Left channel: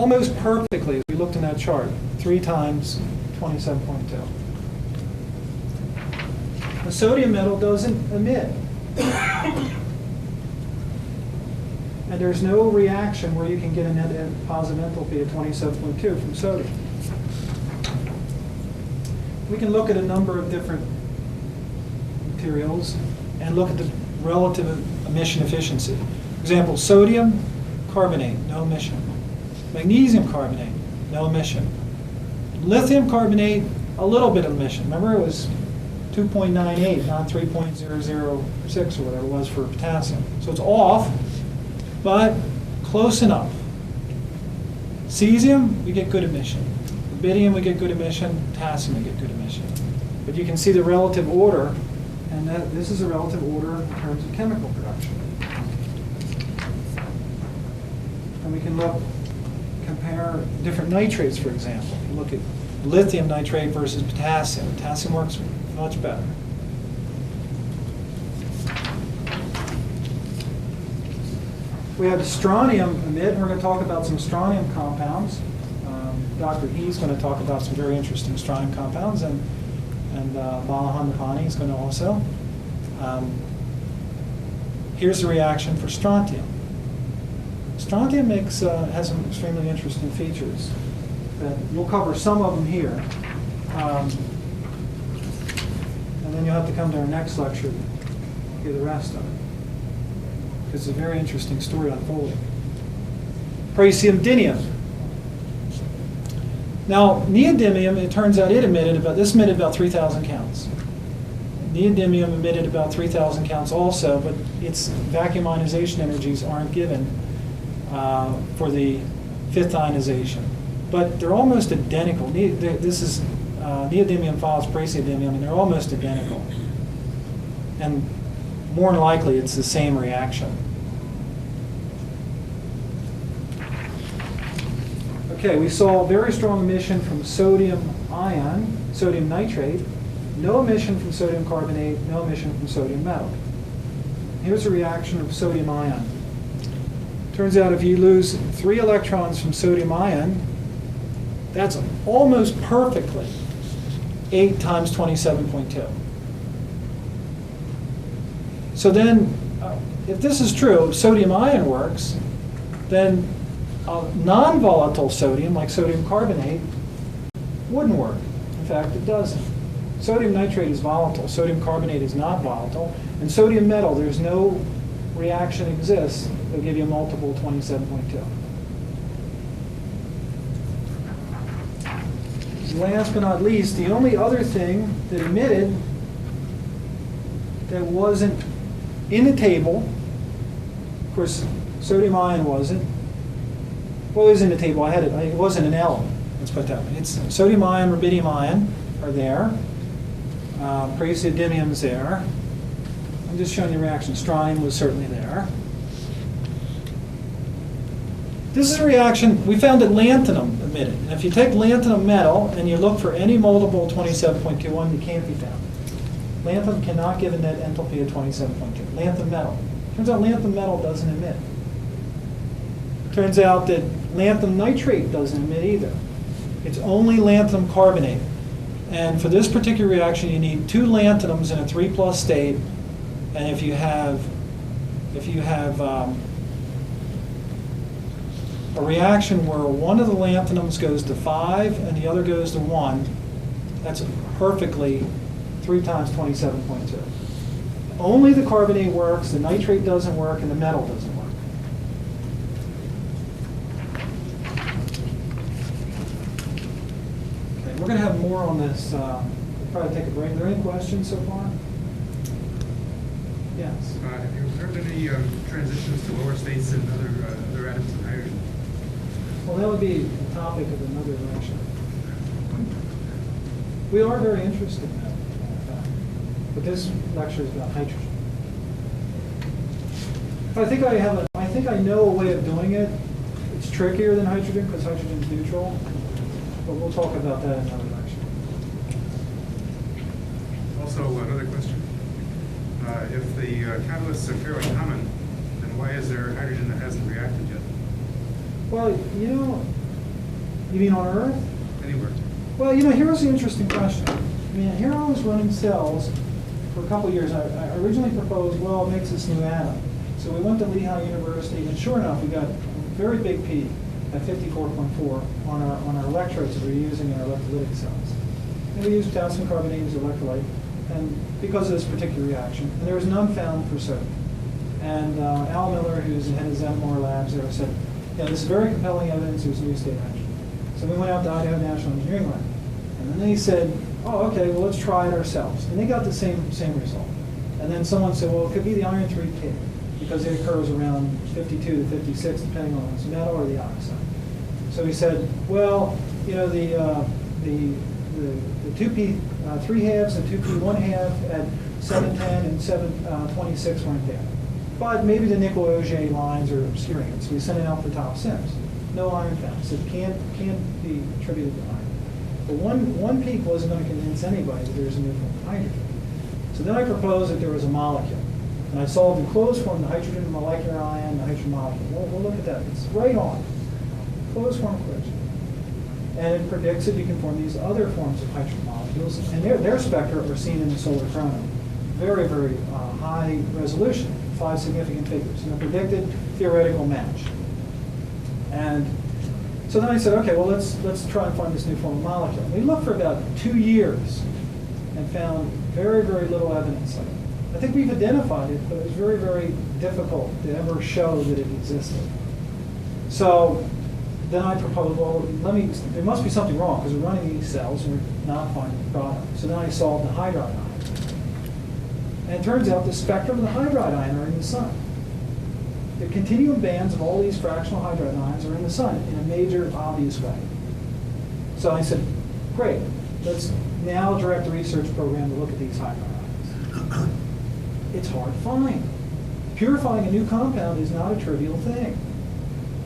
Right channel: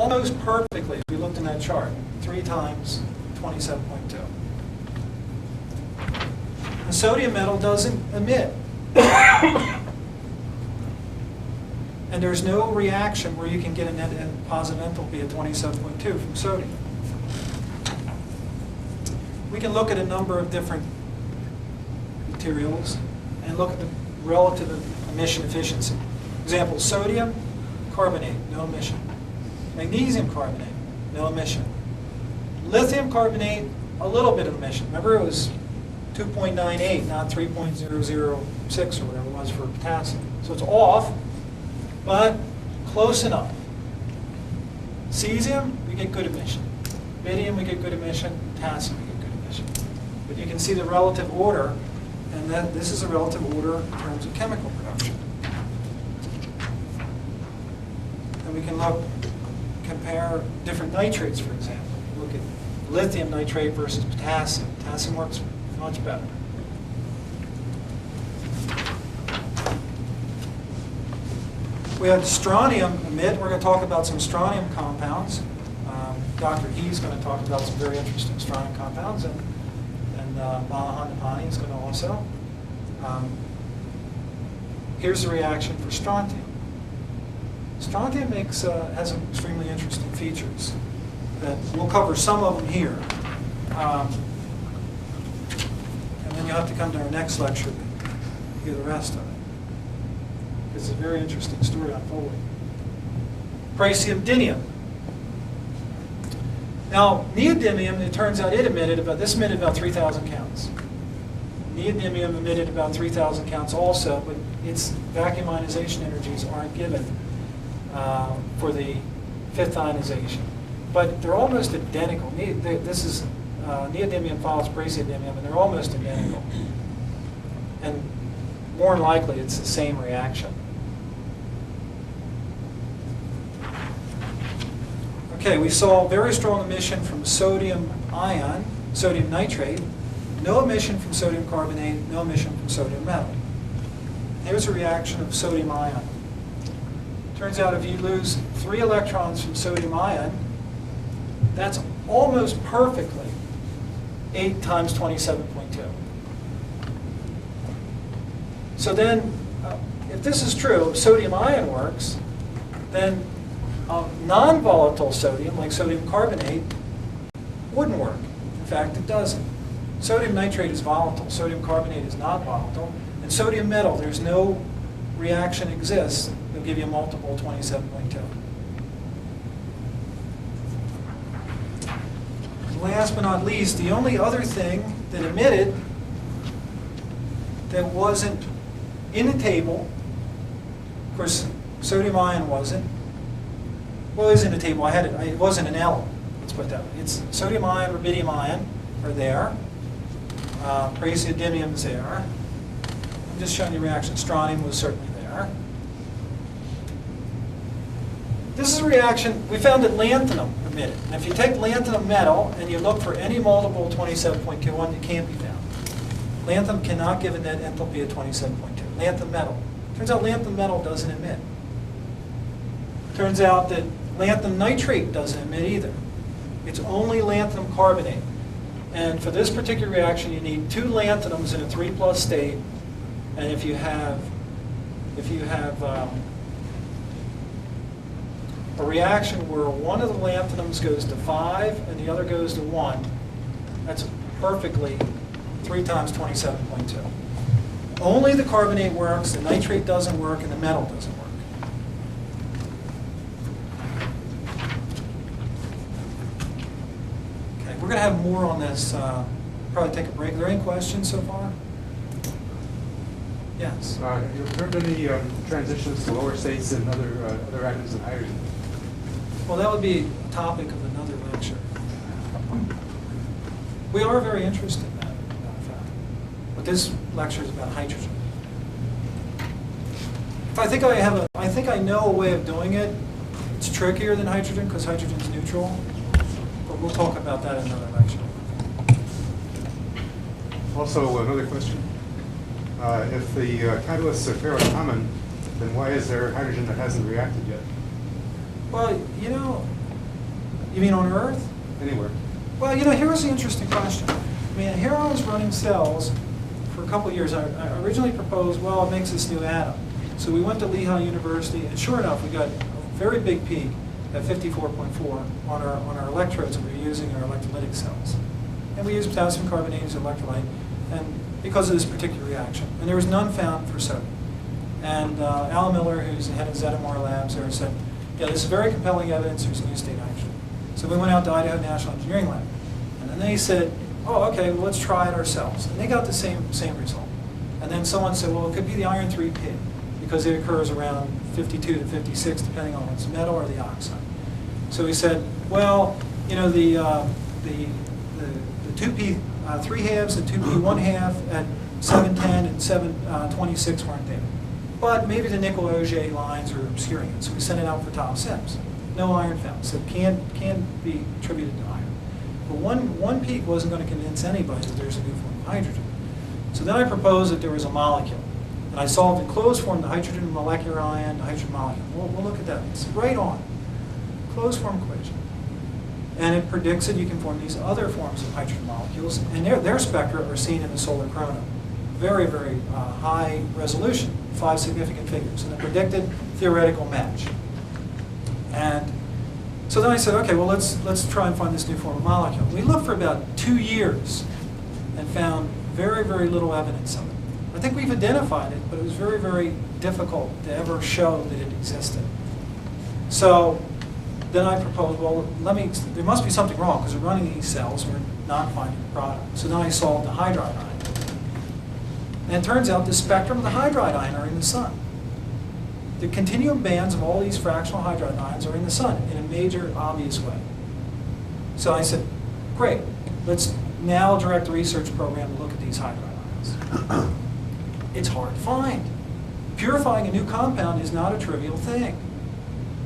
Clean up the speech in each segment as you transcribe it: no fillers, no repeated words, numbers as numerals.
almost perfectly, if we looked in that chart, 3 times 27.2. The sodium metal doesn't emit. And there's no reaction where you can get a net positive enthalpy of 27.2 from sodium. We can look at a number of different materials and look at the relative emission efficiency. For example, sodium carbonate, no emission. Magnesium carbonate, no emission. Lithium carbonate, a little bit of emission. Remember, it was 2.98, not 3.006 or whatever it was for potassium. So it's off, but close enough. Cesium, we get good emission. Rubidium, we get good emission. Potassium, we get good emission. But you can see the relative order, and that this is a relative order in terms of chemical production. And we can compare different nitrates, for example. Look at lithium nitrate versus potassium. Potassium works much better. We have strontium emit, and we're going to talk about some strontium compounds. Dr. He's going to talk about some very interesting strontium compounds, and Malahan Nahani is going to also. Here's the reaction for strontium. Strontium has some extremely interesting features. We'll cover some of them here. And then you'll have to come to our next lecture to hear the rest of it. It's a very interesting story unfolding. Praseodymium. Now, neodymium, it turns out it emitted about 3,000 counts. Neodymium emitted about 3,000 counts also, but its vacuum ionization energies aren't given for the 5th ionization. But they're almost identical. This is neodymium follows praseodymium, and they're almost identical. And more than likely, it's the same reaction. Okay, we saw very strong emission from sodium ion, sodium nitrate, no emission from sodium carbonate, no emission from sodium metal. Here's a reaction of sodium ion. Turns out if you lose 3 electrons from sodium ion, that's almost perfectly 8 times 27.2. So then, if this is true, if sodium ion works, then non-volatile sodium, like sodium carbonate, wouldn't work. In fact, it doesn't. Sodium nitrate is volatile. Sodium carbonate is not volatile. And sodium metal, there's no reaction exists that'll give you a multiple of 27.2. Last but not least, the only other thing that emitted that wasn't in a table, of course, sodium ion wasn't. Well, it was in the table. I had it. It wasn't an element. Let's put that way. It's sodium ion, rubidium ion are there. Praseodymium is there. I'm just showing you the reaction. Strontium was certainly there. This is a reaction. We found that lanthanum emitted. And if you take lanthanum metal and you look for any multiple of 27.21, it can't be found. Lanthanum cannot give a net enthalpy of 27.2. Lanthanum metal. Turns out lanthanum metal doesn't emit. Turns out that lanthanum nitrate doesn't emit either. It's only lanthanum carbonate. And for this particular reaction, you need 2 lanthanums in a 3+ state. And if you have a reaction where one of the lanthanums goes to 5 and the other goes to 1, that's perfectly 3 times 27.2. Only the carbonate works, the nitrate doesn't work, and the metal doesn't work. Okay, we're going to have more on this. Probably take a break. Are there any questions so far? Yes. Have you observed any transitions to lower states in other atoms than hydrogen? Well, that would be a topic of another lecture. We are very interested in that, but this lecture is about hydrogen. I think I know a way of doing it. It's trickier than hydrogen because hydrogen's neutral, but we'll talk about that in another lecture. Also, another question. If the catalysts are ferrocommon, then why is there hydrogen that hasn't reacted yet? Well, you know, You mean on Earth? Anywhere. Well, you know, here's the interesting question. I mean, here I was running cells for a couple of years. I originally proposed, well, it makes this new atom. So we went to Lehigh University, and sure enough, we got a very big peak at 54.4 on our electrodes that we were using in our electrolytic cells. And we used potassium carbonate as electrolyte, and because of this particular reaction. And there was none found for sodium. And Al Miller, who's the head of ZMR Labs there, said, yeah, this is very compelling evidence there's new state action. So we went out to Idaho National Engineering Lab. And then they said, oh, okay, well, let's try it ourselves. And they got the same result. And then someone said, well, it could be the iron 3 pig, because it occurs around 52 to 56, depending on whether it's metal or the oxide. So we said, well, you know, the 2p 3 halves and 2p 1 half at 710 and 726 weren't there. But maybe the nickel Auger lines are obscuring it. So we sent it out for top sims. No iron found. So it can't be attributed to iron. But one peak wasn't going to convince anybody that there's a new form of hydrogen. So then I proposed that there was a molecule. And I solved in closed form the hydrogen molecular ion, the hydrogen molecule. Well, we'll look at that. It's right on. Closed form equation. And it predicts that you can form these other forms of hydrogen molecules. And their spectra are seen in the solar corona. Very, very high resolution, 5 significant figures. And a predicted theoretical match. And so then I said, okay, well, let's try and find this new form of molecule. We looked for about 2 years and found very, very little evidence of it. I think we've identified it, but it was very, very difficult to ever show that it existed. So then I proposed, well, there must be something wrong, because we're running these cells and we're not finding the product. So then I solved the hydride ion. And it turns out the spectrum of the hydride ion are in the sun. The continuum bands of all these fractional hydride ions are in the sun in a major, obvious way. So I said, great, let's now direct the research program to look at these hydride ions. It's hard to find. Purifying a new compound is not a trivial thing.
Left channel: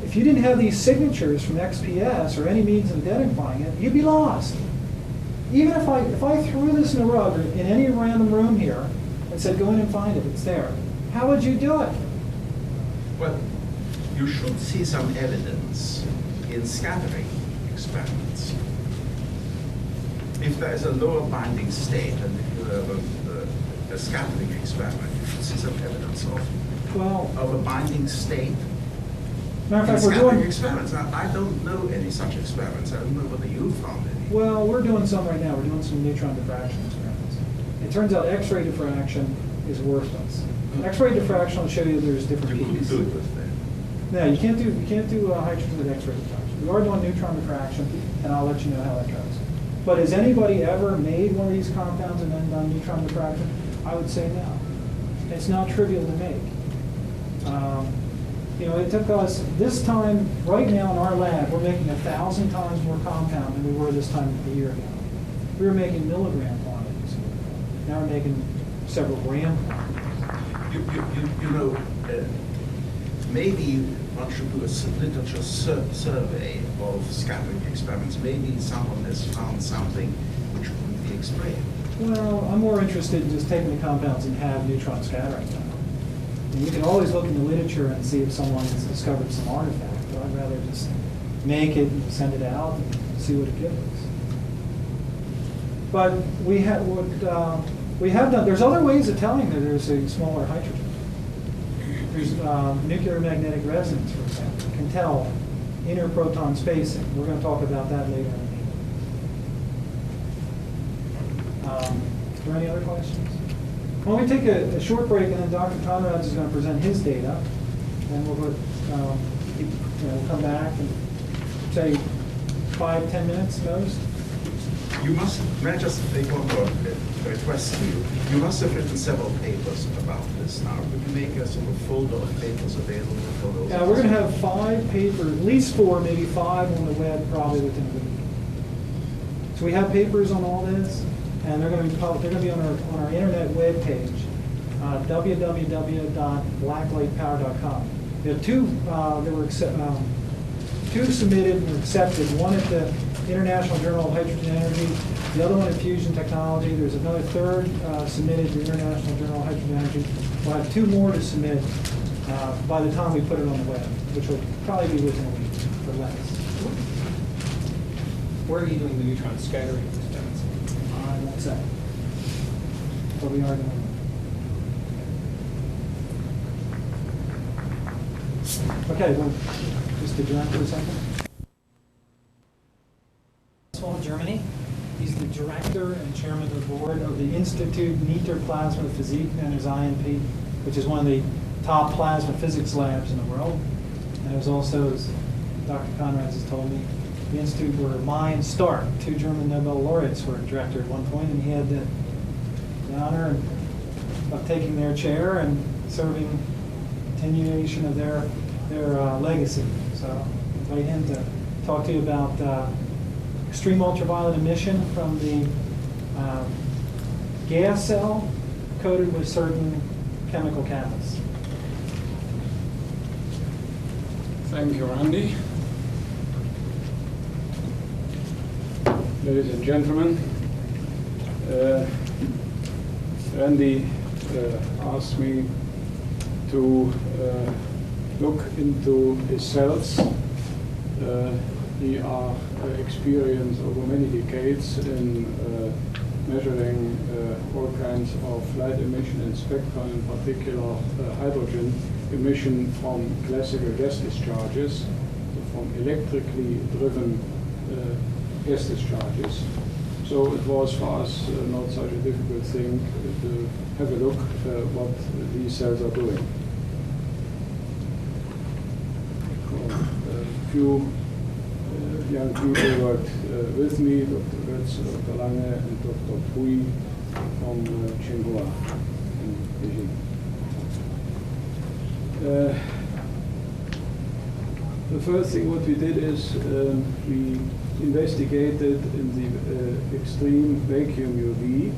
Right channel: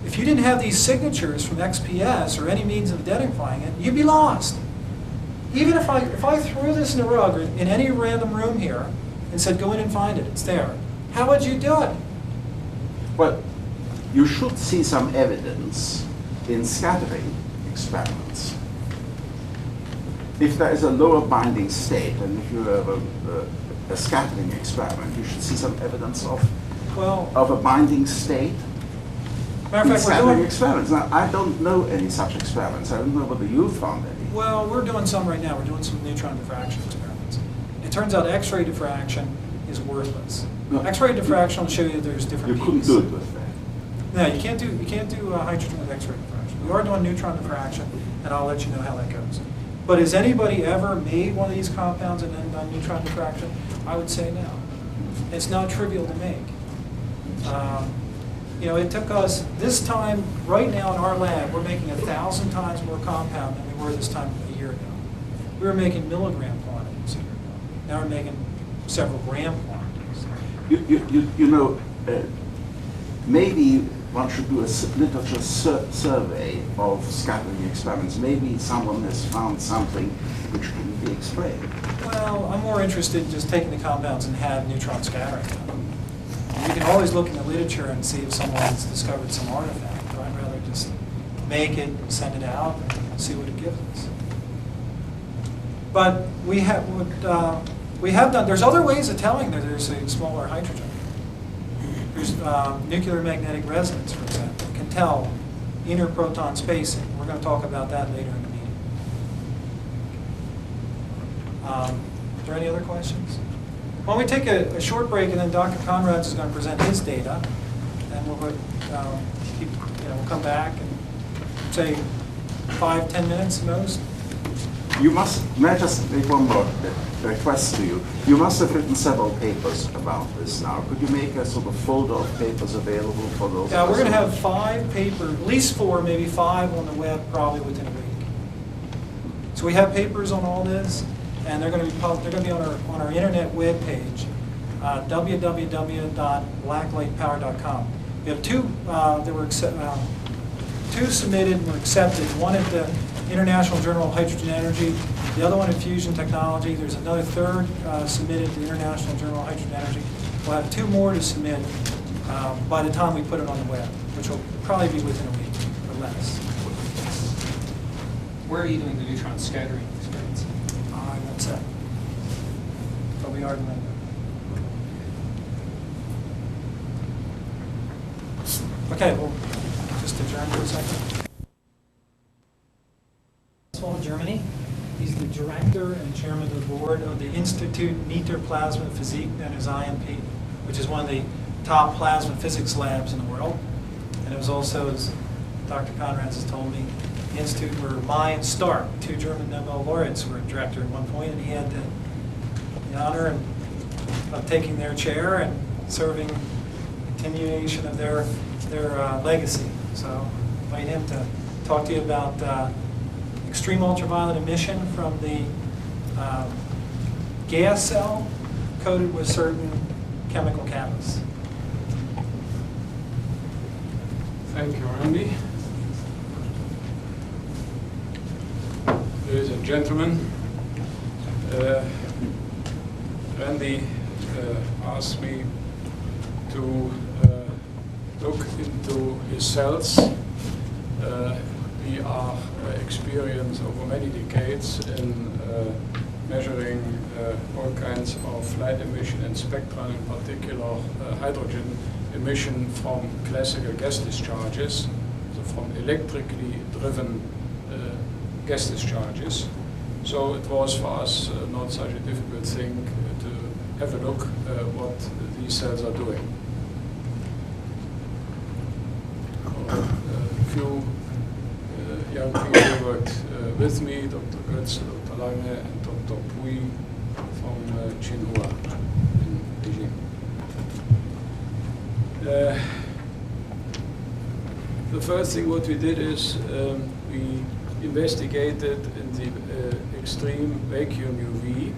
If you didn't have these signatures from XPS or any means of identifying it, you'd be lost. Even if I threw this in a rug or in any random room here and said, go in and find it, it's there, how would you do it? Well, you should see some evidence in scattering experiments. If there is a lower binding state, and if you have a scattering experiment, you should see some evidence of a binding state Matter in of fact, scattering experiments. Now, I don't know any such experiments. I don't know whether you found any. Well, we're doing some right now. We're doing some neutron diffraction experiments. It turns out X-ray diffraction is worthless. No. X-ray diffraction will show you that there's different You couldn't peaks. do it with that. No, you can't do hydrogen with X-ray diffraction. We are doing neutron diffraction, and I'll let you know how that goes. But has anybody ever made one of these compounds and then neutron diffraction? I would say no. It's not trivial to make. You know, it took us this time, right now in our lab, we're making 1,000 times more compound than we were this time a year ago. We were making milligram quantities a year ago. Now we're making several gram quantities. You know, maybe one should do a literature survey of scattering experiments. Maybe someone has found something which can be explained. Well, I'm more interested in just taking the compounds and have neutron scattering. You can always look in the literature and see if someone's discovered some artifact. But I'd rather just make it, send it out, and see what it gives us. But we have done. There's other ways of telling that there's a smaller hydrogen. There's nuclear magnetic resonance, for example, can tell inner proton spacing. We're going to talk about that later in the meeting. Are there any other questions? Well, we take a short break, and then Dr. Conrads is going to present his data, and we'll come back and say 5-10 minutes most. You must, may I just make one more request to you? You must have written several papers about this now. Could you make a sort of folder of papers available for those? Now, we're going to have 5 papers, at least 4, maybe 5 on the web probably within a week. So we have papers on all this, and they're going to be on our internet web page, www.blacklightpower.com. We have 2 that were 2 submitted and were accepted. One at the International Journal of Hydrogen Energy, the other one at Fusion Technology. There's another 3rd submitted to the International Journal of Hydrogen Energy. We'll have 2 more to submit by the time we put it on the web, which will probably be within a week or less. Where are you doing the neutron scattering experiments? I won't say. But we are doing that. Okay, well, just adjourn for a second. Germany. He's the director and chairman of the board of the Institut Meter Plasma Physik, known as IMP, which is one of the top plasma physics labs in the world. And it was also, as Dr. Conrads has told me, the institute where Mai and Stark, two German Nobel laureates, were director at one point, and he had the honor of taking their chair and serving continuation of their legacy. So I invite him to talk to you about extreme ultraviolet emission from the gas cell coated with certain chemical catalysts. Thank you, Randy. Ladies and gentlemen, Randy asked me to look into his cells. We are experienced over many decades in measuring all kinds of light emission and spectrum, in particular hydrogen emission from classical gas discharges, so from electrically driven gas discharges. So it was for us not such a difficult thing to have a look at what these cells are doing. A few young people worked with me, Dr. Goetz, Dr. Lange, and Dr. Pui from Tsinghua in Beijing. The first thing what we did is we investigated in the extreme vacuum UV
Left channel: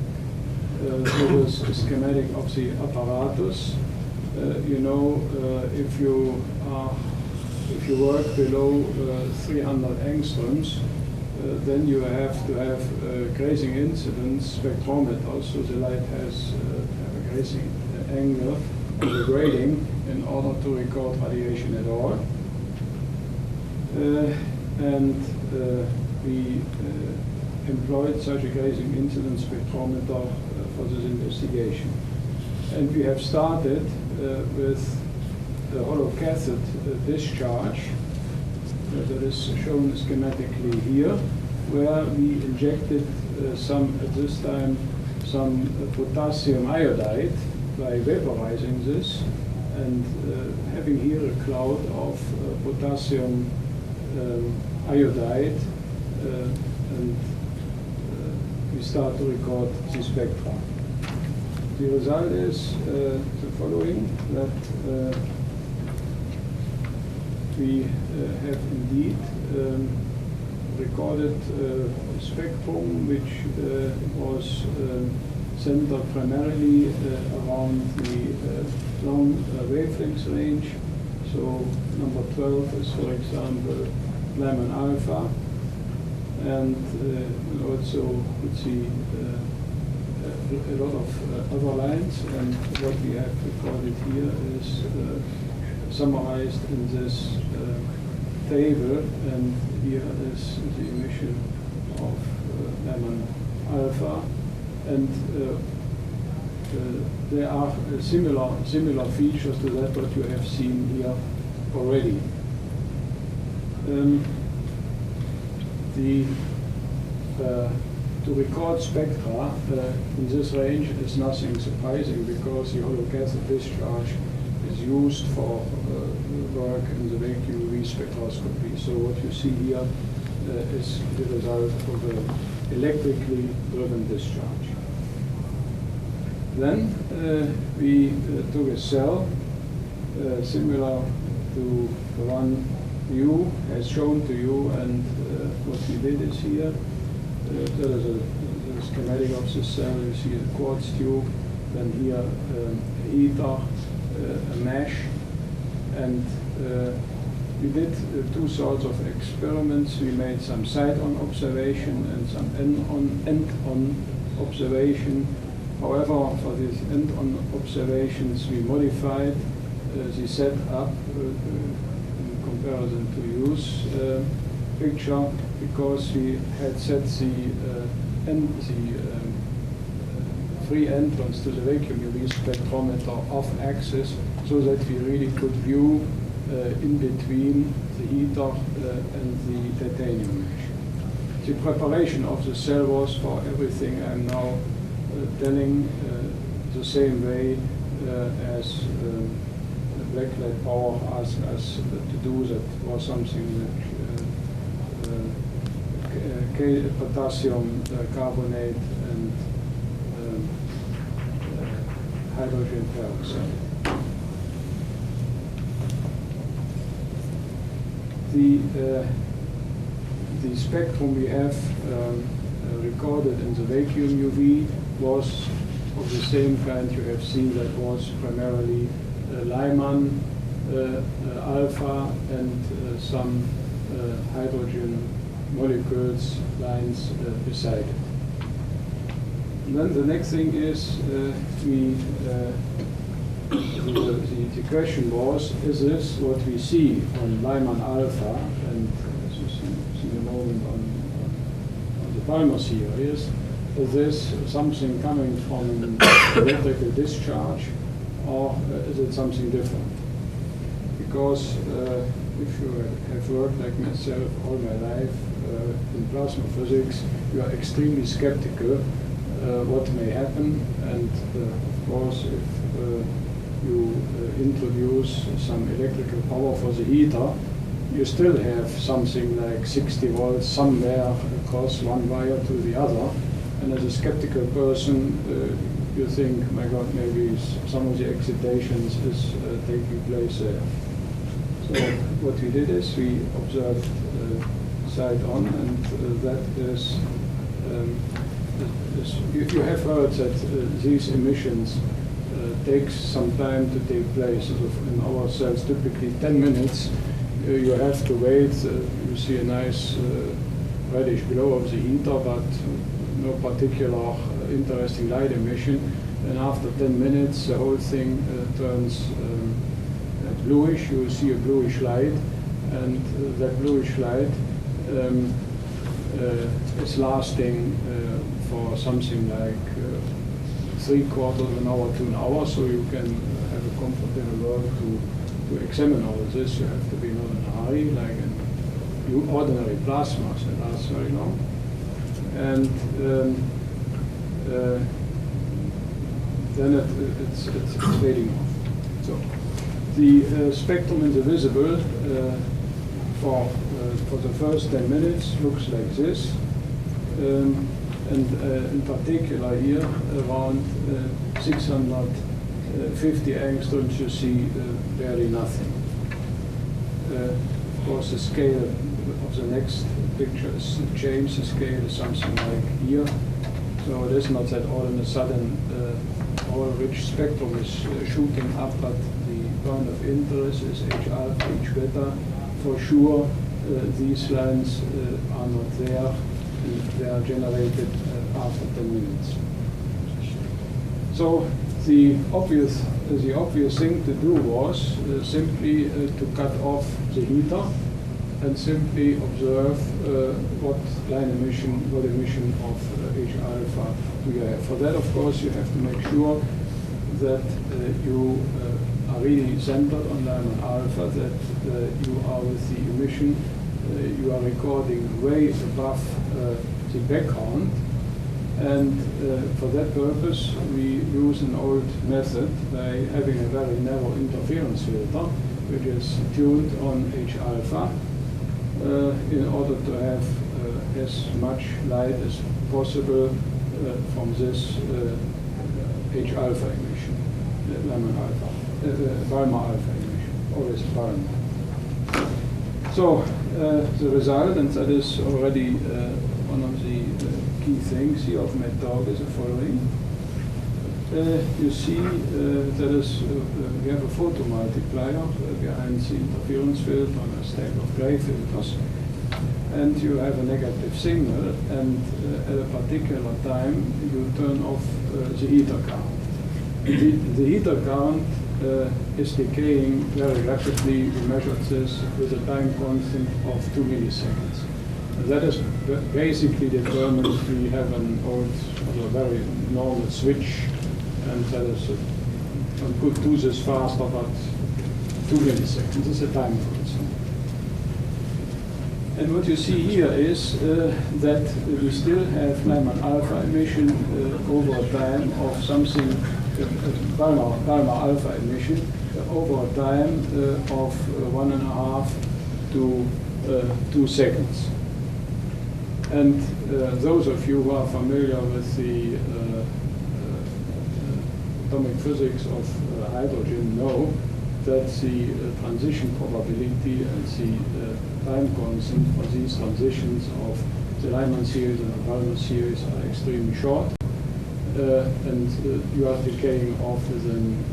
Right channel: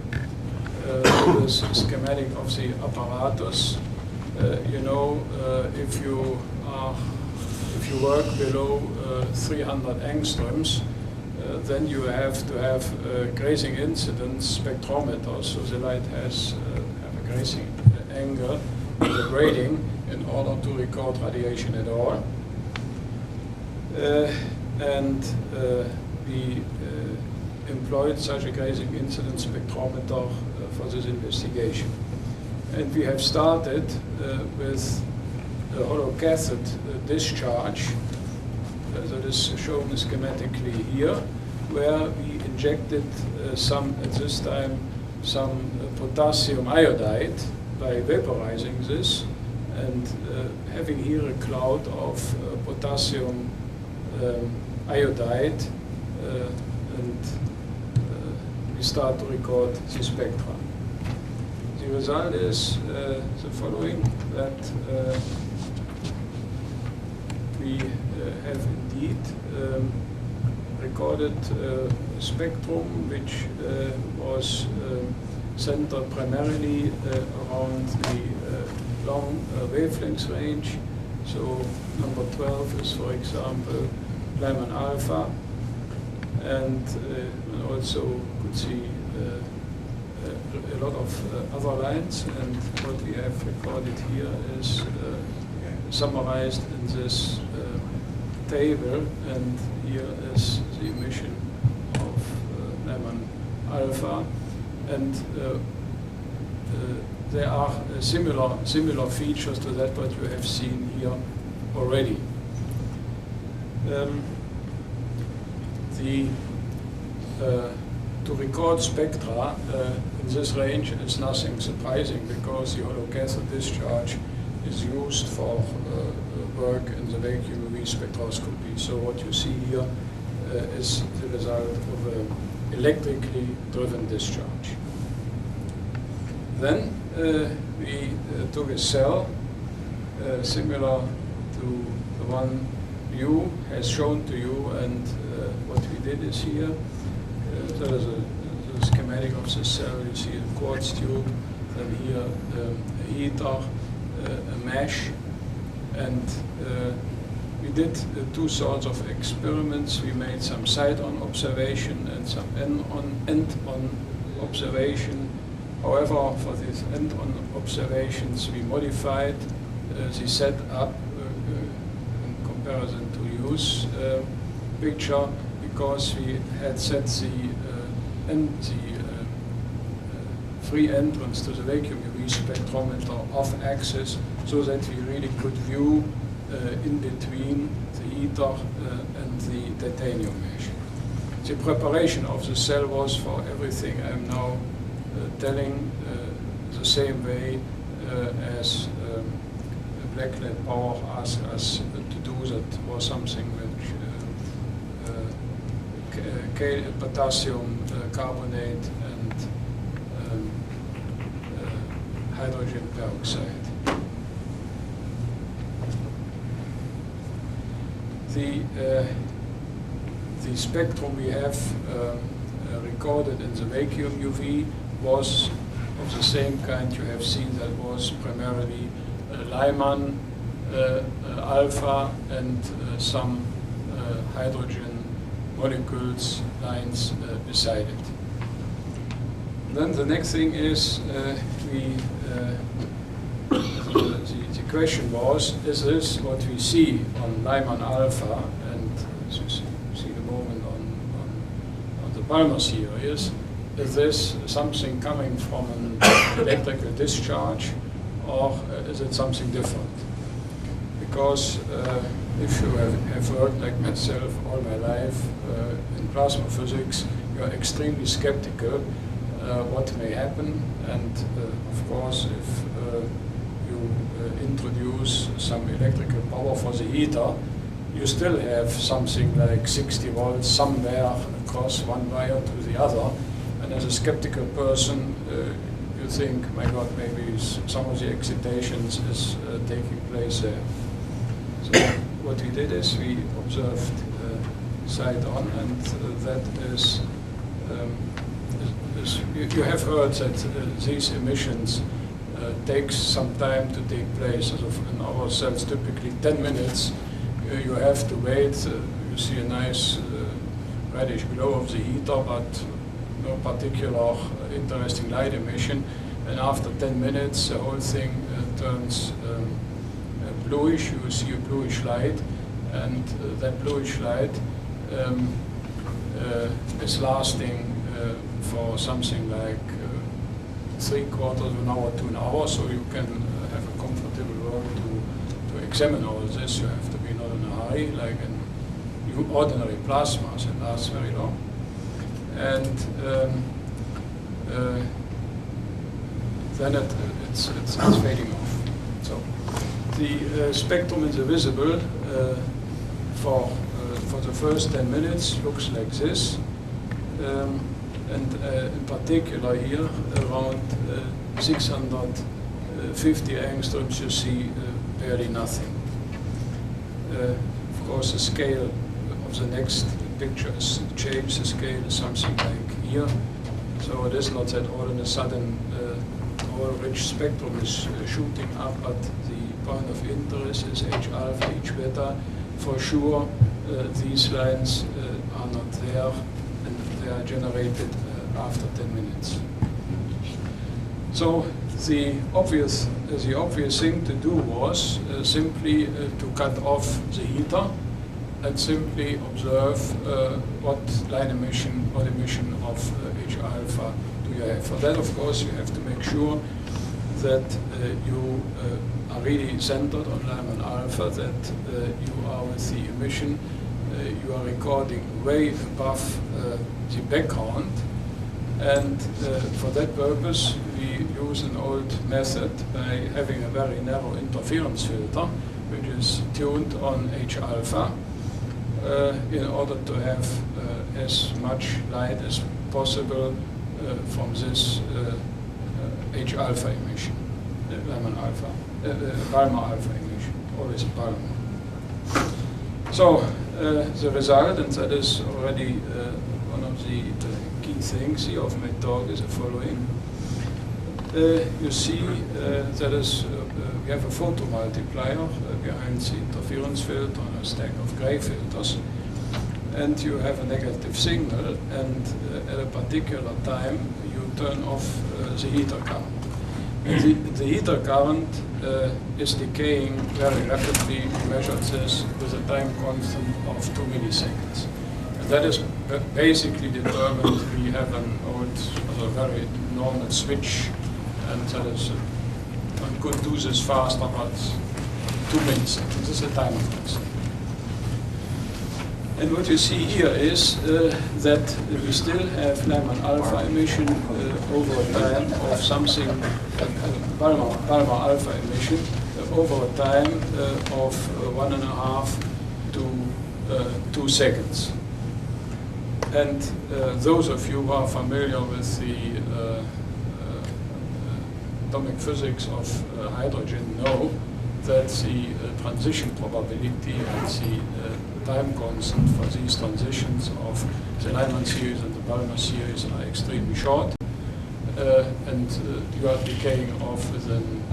this schematic of the apparatus. You know, if you work below 300 angstroms, then you have to have a grazing incidence spectrometer, so the light has have a grazing angle on the grading in order to record radiation at all. We employed such a grazing incidence spectrometer for this investigation. And we have started with the holocathode discharge, that is shown schematically here, where we injected at this time some potassium iodide by vaporizing this, and having here a cloud of potassium iodide, and we start to record the spectrum. The result is the following, that we have indeed recorded a spectrum which was centered primarily around the long wavelength range. So number 12 is, for example, Lyman alpha, and also could see a lot of other lines, and what we have recorded here is summarized in this table, and here is the emission of Lyman alpha, and there are similar features to that what you have seen here already. To record spectra in this range is nothing surprising, because the holocathode discharge is used for work in the vacuum UV spectroscopy. So what you see here is the result of an electrically driven discharge. Then we took a cell similar to the one you has shown to you, and what we did is here, there is a schematic of the cell. You see a quartz tube, then here a heater, a mesh, and we did two sorts of experiments. We made some side-on observation and some end-on observation. However, for these end-on observations, we modified the setup in comparison to use picture. because we had set the free entrance to the vacuum UV spectrometer off axis so that we really could view in between the heater and the titanium mesh. The preparation of the cell was for everything I'm now telling the same way as Blacklight Power asked us to do. That was something which potassium carbonate and hydrogen peroxide. The spectrum we have recorded in the vacuum UV was of the same kind you have seen, that was primarily Lyman alpha and some hydrogen molecules lines beside it. And then the next thing is the question was, is this what we see on Lyman alpha, and as you see a moment on the Palmer series, is this something coming from an electrical discharge, or is it something different? Because if you have worked like myself all my life in plasma physics, you are extremely skeptical what may happen, and of course if you introduce some electrical power for the heater, you still have something like 60 volts somewhere across one wire to the other, and as a skeptical person you think, my God, maybe some of the excitations is taking place there. So what we did is we observed side on, and that is, you have heard that these emissions takes some time to take place. In our cells, typically 10 minutes, you have to wait. You see a nice reddish glow of the heater, but no particular interesting light emission. And after 10 minutes, the whole thing turns bluish. You see a bluish light, and that bluish light is lasting for something like 3/4 of an hour to an hour, so you can have a comfortable role to examine all of this. You have to be not in a hurry, like in ordinary plasmas, it lasts very long. And then it's fading off. So the spectrum in the visible for the first 10 minutes looks like this. And in particular here, around 650 angstroms, you see barely nothing. Of course, the scale of the next picture is changed. The scale is something like here. So it is not that all of a sudden our rich spectrum is shooting up, but the point of interest is H alpha, H beta. For sure, these lines are not there, and they are generated after 10 minutes. So the obvious thing to do was simply to cut off the heater and simply observe what emission of H alpha do you have. For that, of course, you have to make sure that you are really centered on Lyman alpha, that you are with the emission, you are recording way above the background. And for that purpose, we use an old method by having a very narrow interference filter, which is tuned on H alpha, in order to have as much light as possible from this H alpha emission, Lyman alpha, Palmer alpha emission, always Palmer. So the result, and that is already one of the key things here of my talk, is the following. You see that is, we have a photomultiplier behind the interference filter on a stack of gray filters, and you have a negative signal, and at a particular time you turn off the heater current. The heater current is decaying very rapidly. We measured this with a time constant of 2 milliseconds. And that is basically determined. We have an old, a very normal switch, and that is one could do this faster, but 2 milliseconds. This is a timer constant. And what you see here is that we still have Lyman alpha emission over time of something, Palmar alpha emission over a time of 1.5 to 2 seconds. And those of you who are familiar with the atomic physics of hydrogen know that the transition probability and the time constant for these transitions of the Lyman series and the Palmer series are extremely short, and you are decaying off within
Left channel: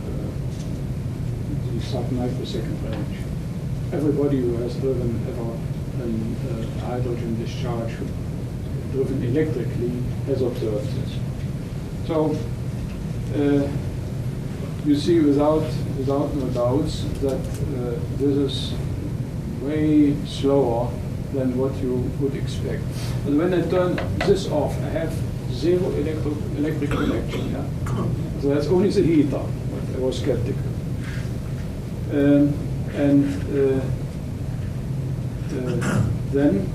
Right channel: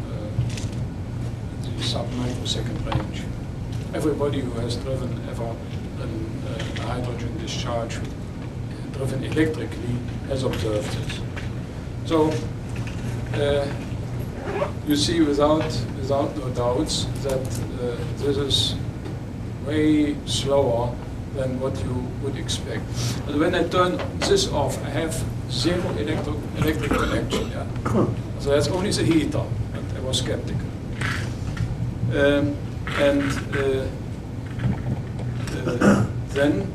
the sub-microsecond range. Everybody who has driven ever a hydrogen discharge driven electrically has observed this. So you see without no doubts that this is way slower than what you would expect. But when I turn this off, I have zero electric connection. Yeah? So that's only the heater. I was skeptical. Then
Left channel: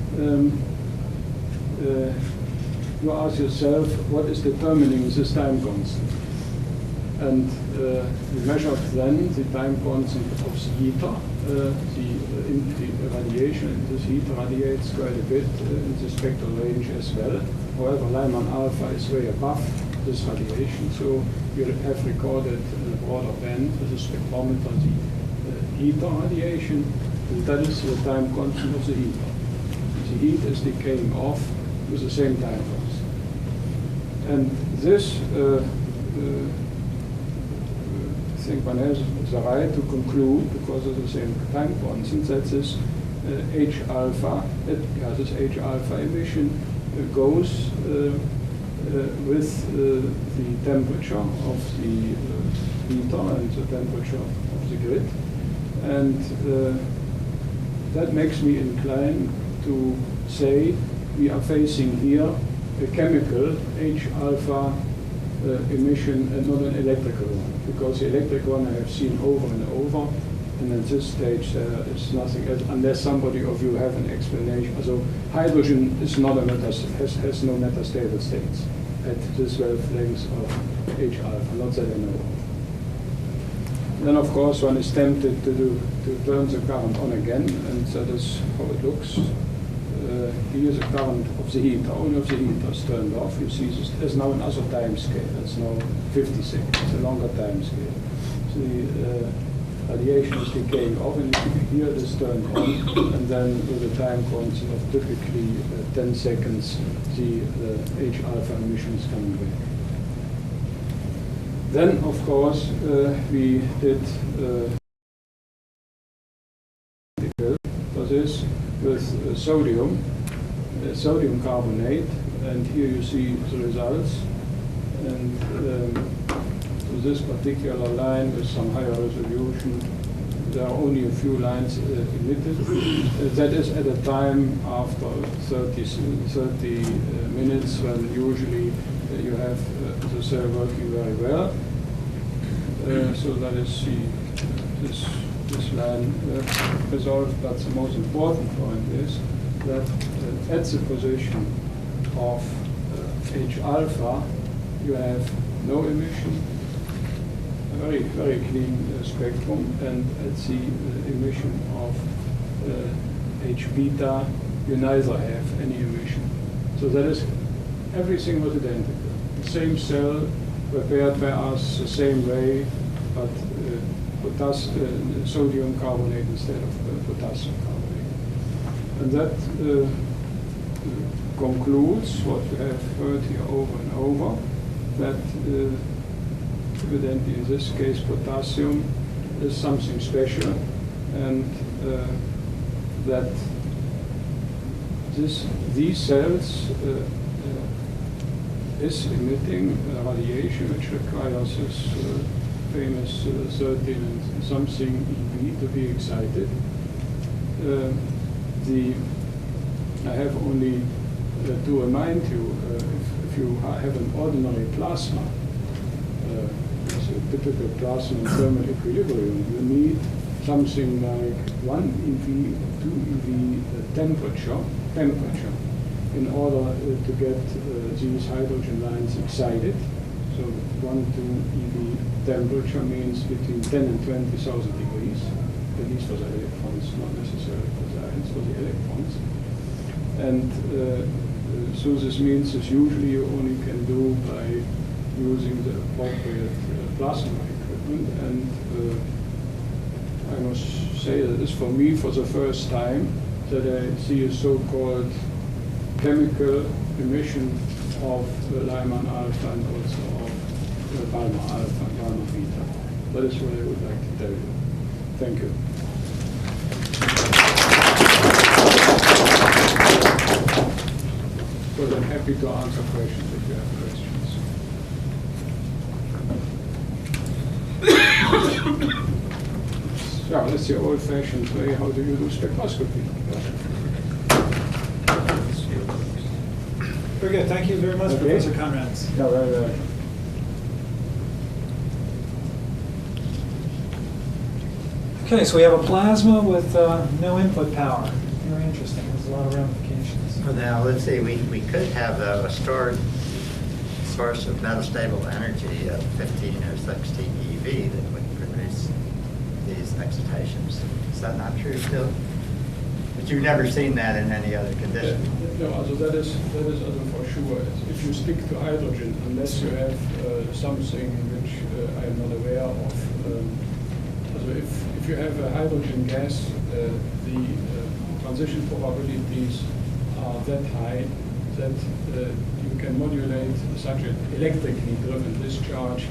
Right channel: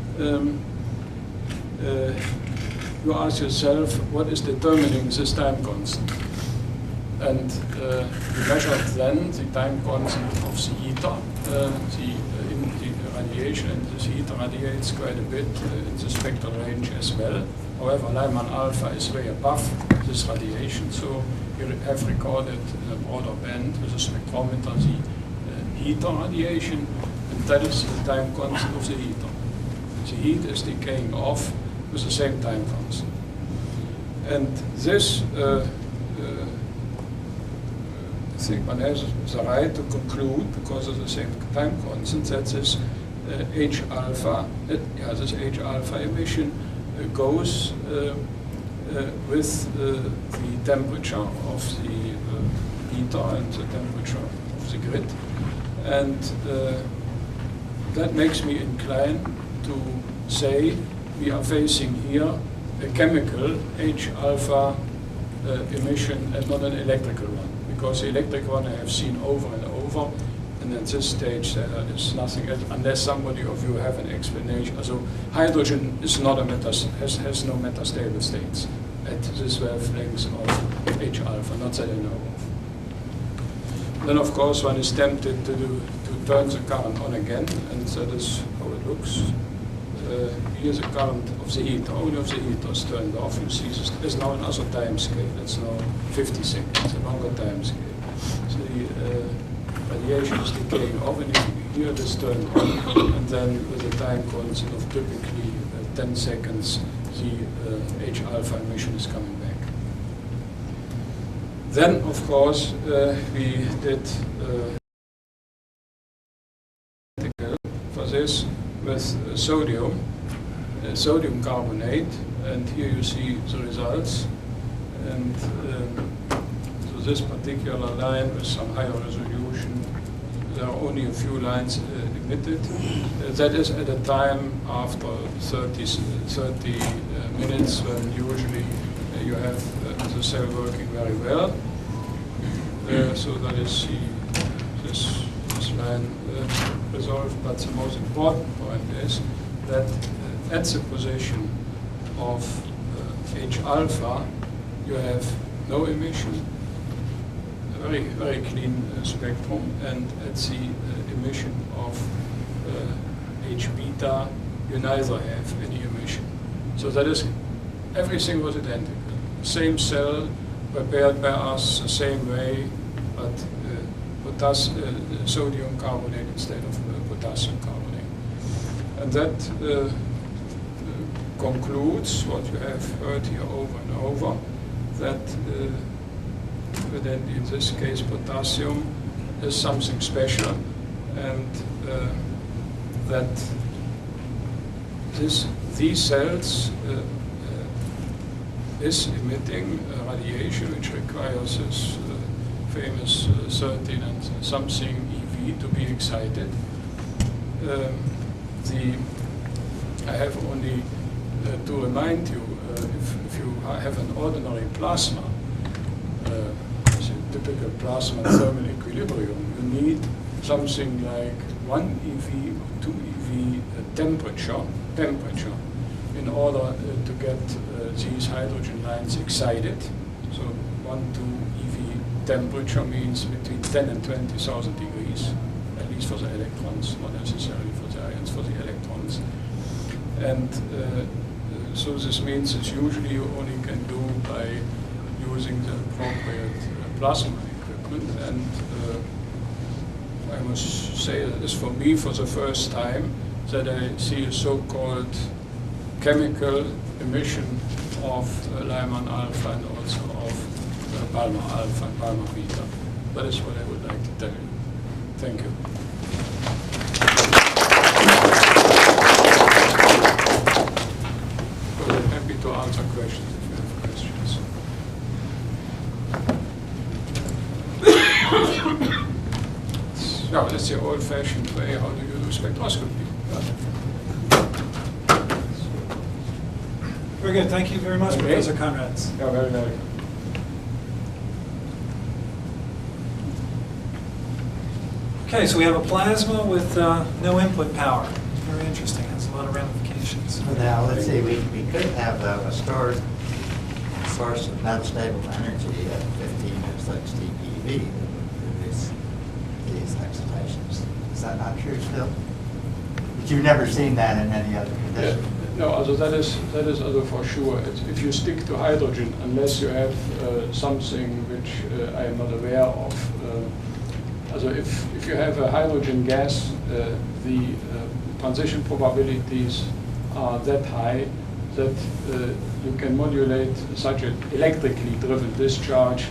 you ask yourself, what is determining this time constant? And you measured then the time constant of the heater, the radiation, and this heater radiates quite a bit in the spectral range as well. However, Lyman alpha is way above this radiation, so you have recorded in a broader band with a spectrometer the heater radiation, and that is the time constant of the heater. The heat is decaying off with the same time constant. And this I think one has the right to conclude, because of the same time constant, that this H alpha emission goes with the temperature of the heater and the temperature of the grid, and that makes me inclined to say we are facing here a chemical H alpha emission and not an electrical one. Because the electric one I have seen over and over, and at this stage there is nothing else, unless somebody of you have an explanation. So hydrogen is not has no metastable states at this wavelength of H alpha, not that I know of. Then of course one is tempted to turn the current on again, and that is how it looks. Here is the current of the heater, only of the heater is turned off. You see this is now another time scale, it's now 50 seconds, a longer time scale. So the radiation is decaying off, and you hear this turned on, and then with a time constant of typically 10 seconds, the H alpha emission is coming back. Then, of course, we did for this with sodium carbonate, and here you see the results. And to this particular line with some higher resolution, there are only a few lines emitted. That is at a time after 30 minutes, when usually you have the cell working very well. So that is this line resolved. But the most important point is that at the position of H alpha, you have no emission, a very, very clean spectrum, and at the emission of H beta, you neither have any emission. So that is, everything was identical. Same cell, prepared by us the same way, but sodium carbonate instead of potassium carbonate. And that concludes what you have heard here over and over, that evidently in this case potassium is something special, and that these cells is emitting radiation which requires this famous 13 and something EV to be excited. I have only to remind you, if you have an ordinary plasma, as a typical plasma in thermal equilibrium, you need something like 1 eV, 2 eV temperature in order to get these hydrogen lines excited. So 1, 2 EV temperature means between 10 and 20,000 degrees, at least for the electrons, not necessarily for the ions, for the electrons. And so this means that usually you only can do by using the appropriate plasma equipment. And I must say that this for me for the first time that I see a so-called chemical emission of Lyman alpha and also of Balmer alpha and Balmer beta. That is what I would like to tell you. Thank you. Well, I'm happy to answer questions if you have questions. Yeah, that's the old-fashioned way how do you do spectroscopy. Very good. Thank you very much, Okay. Professor Conrads. Yeah, very well. Okay, so we have a plasma with no input power. Very interesting. Has a lot of ramifications. Now, let's see, we could have a stored source of metastable energy of 15 or 16 EV that would produce these excitations. Is that not true, Phil? But you've never seen that in any other condition? No, also that is also for sure. If you stick to hydrogen, unless you have something which I am not aware of. Also if you have a hydrogen gas, the transition probabilities are that high that you can modulate such an electrically driven discharge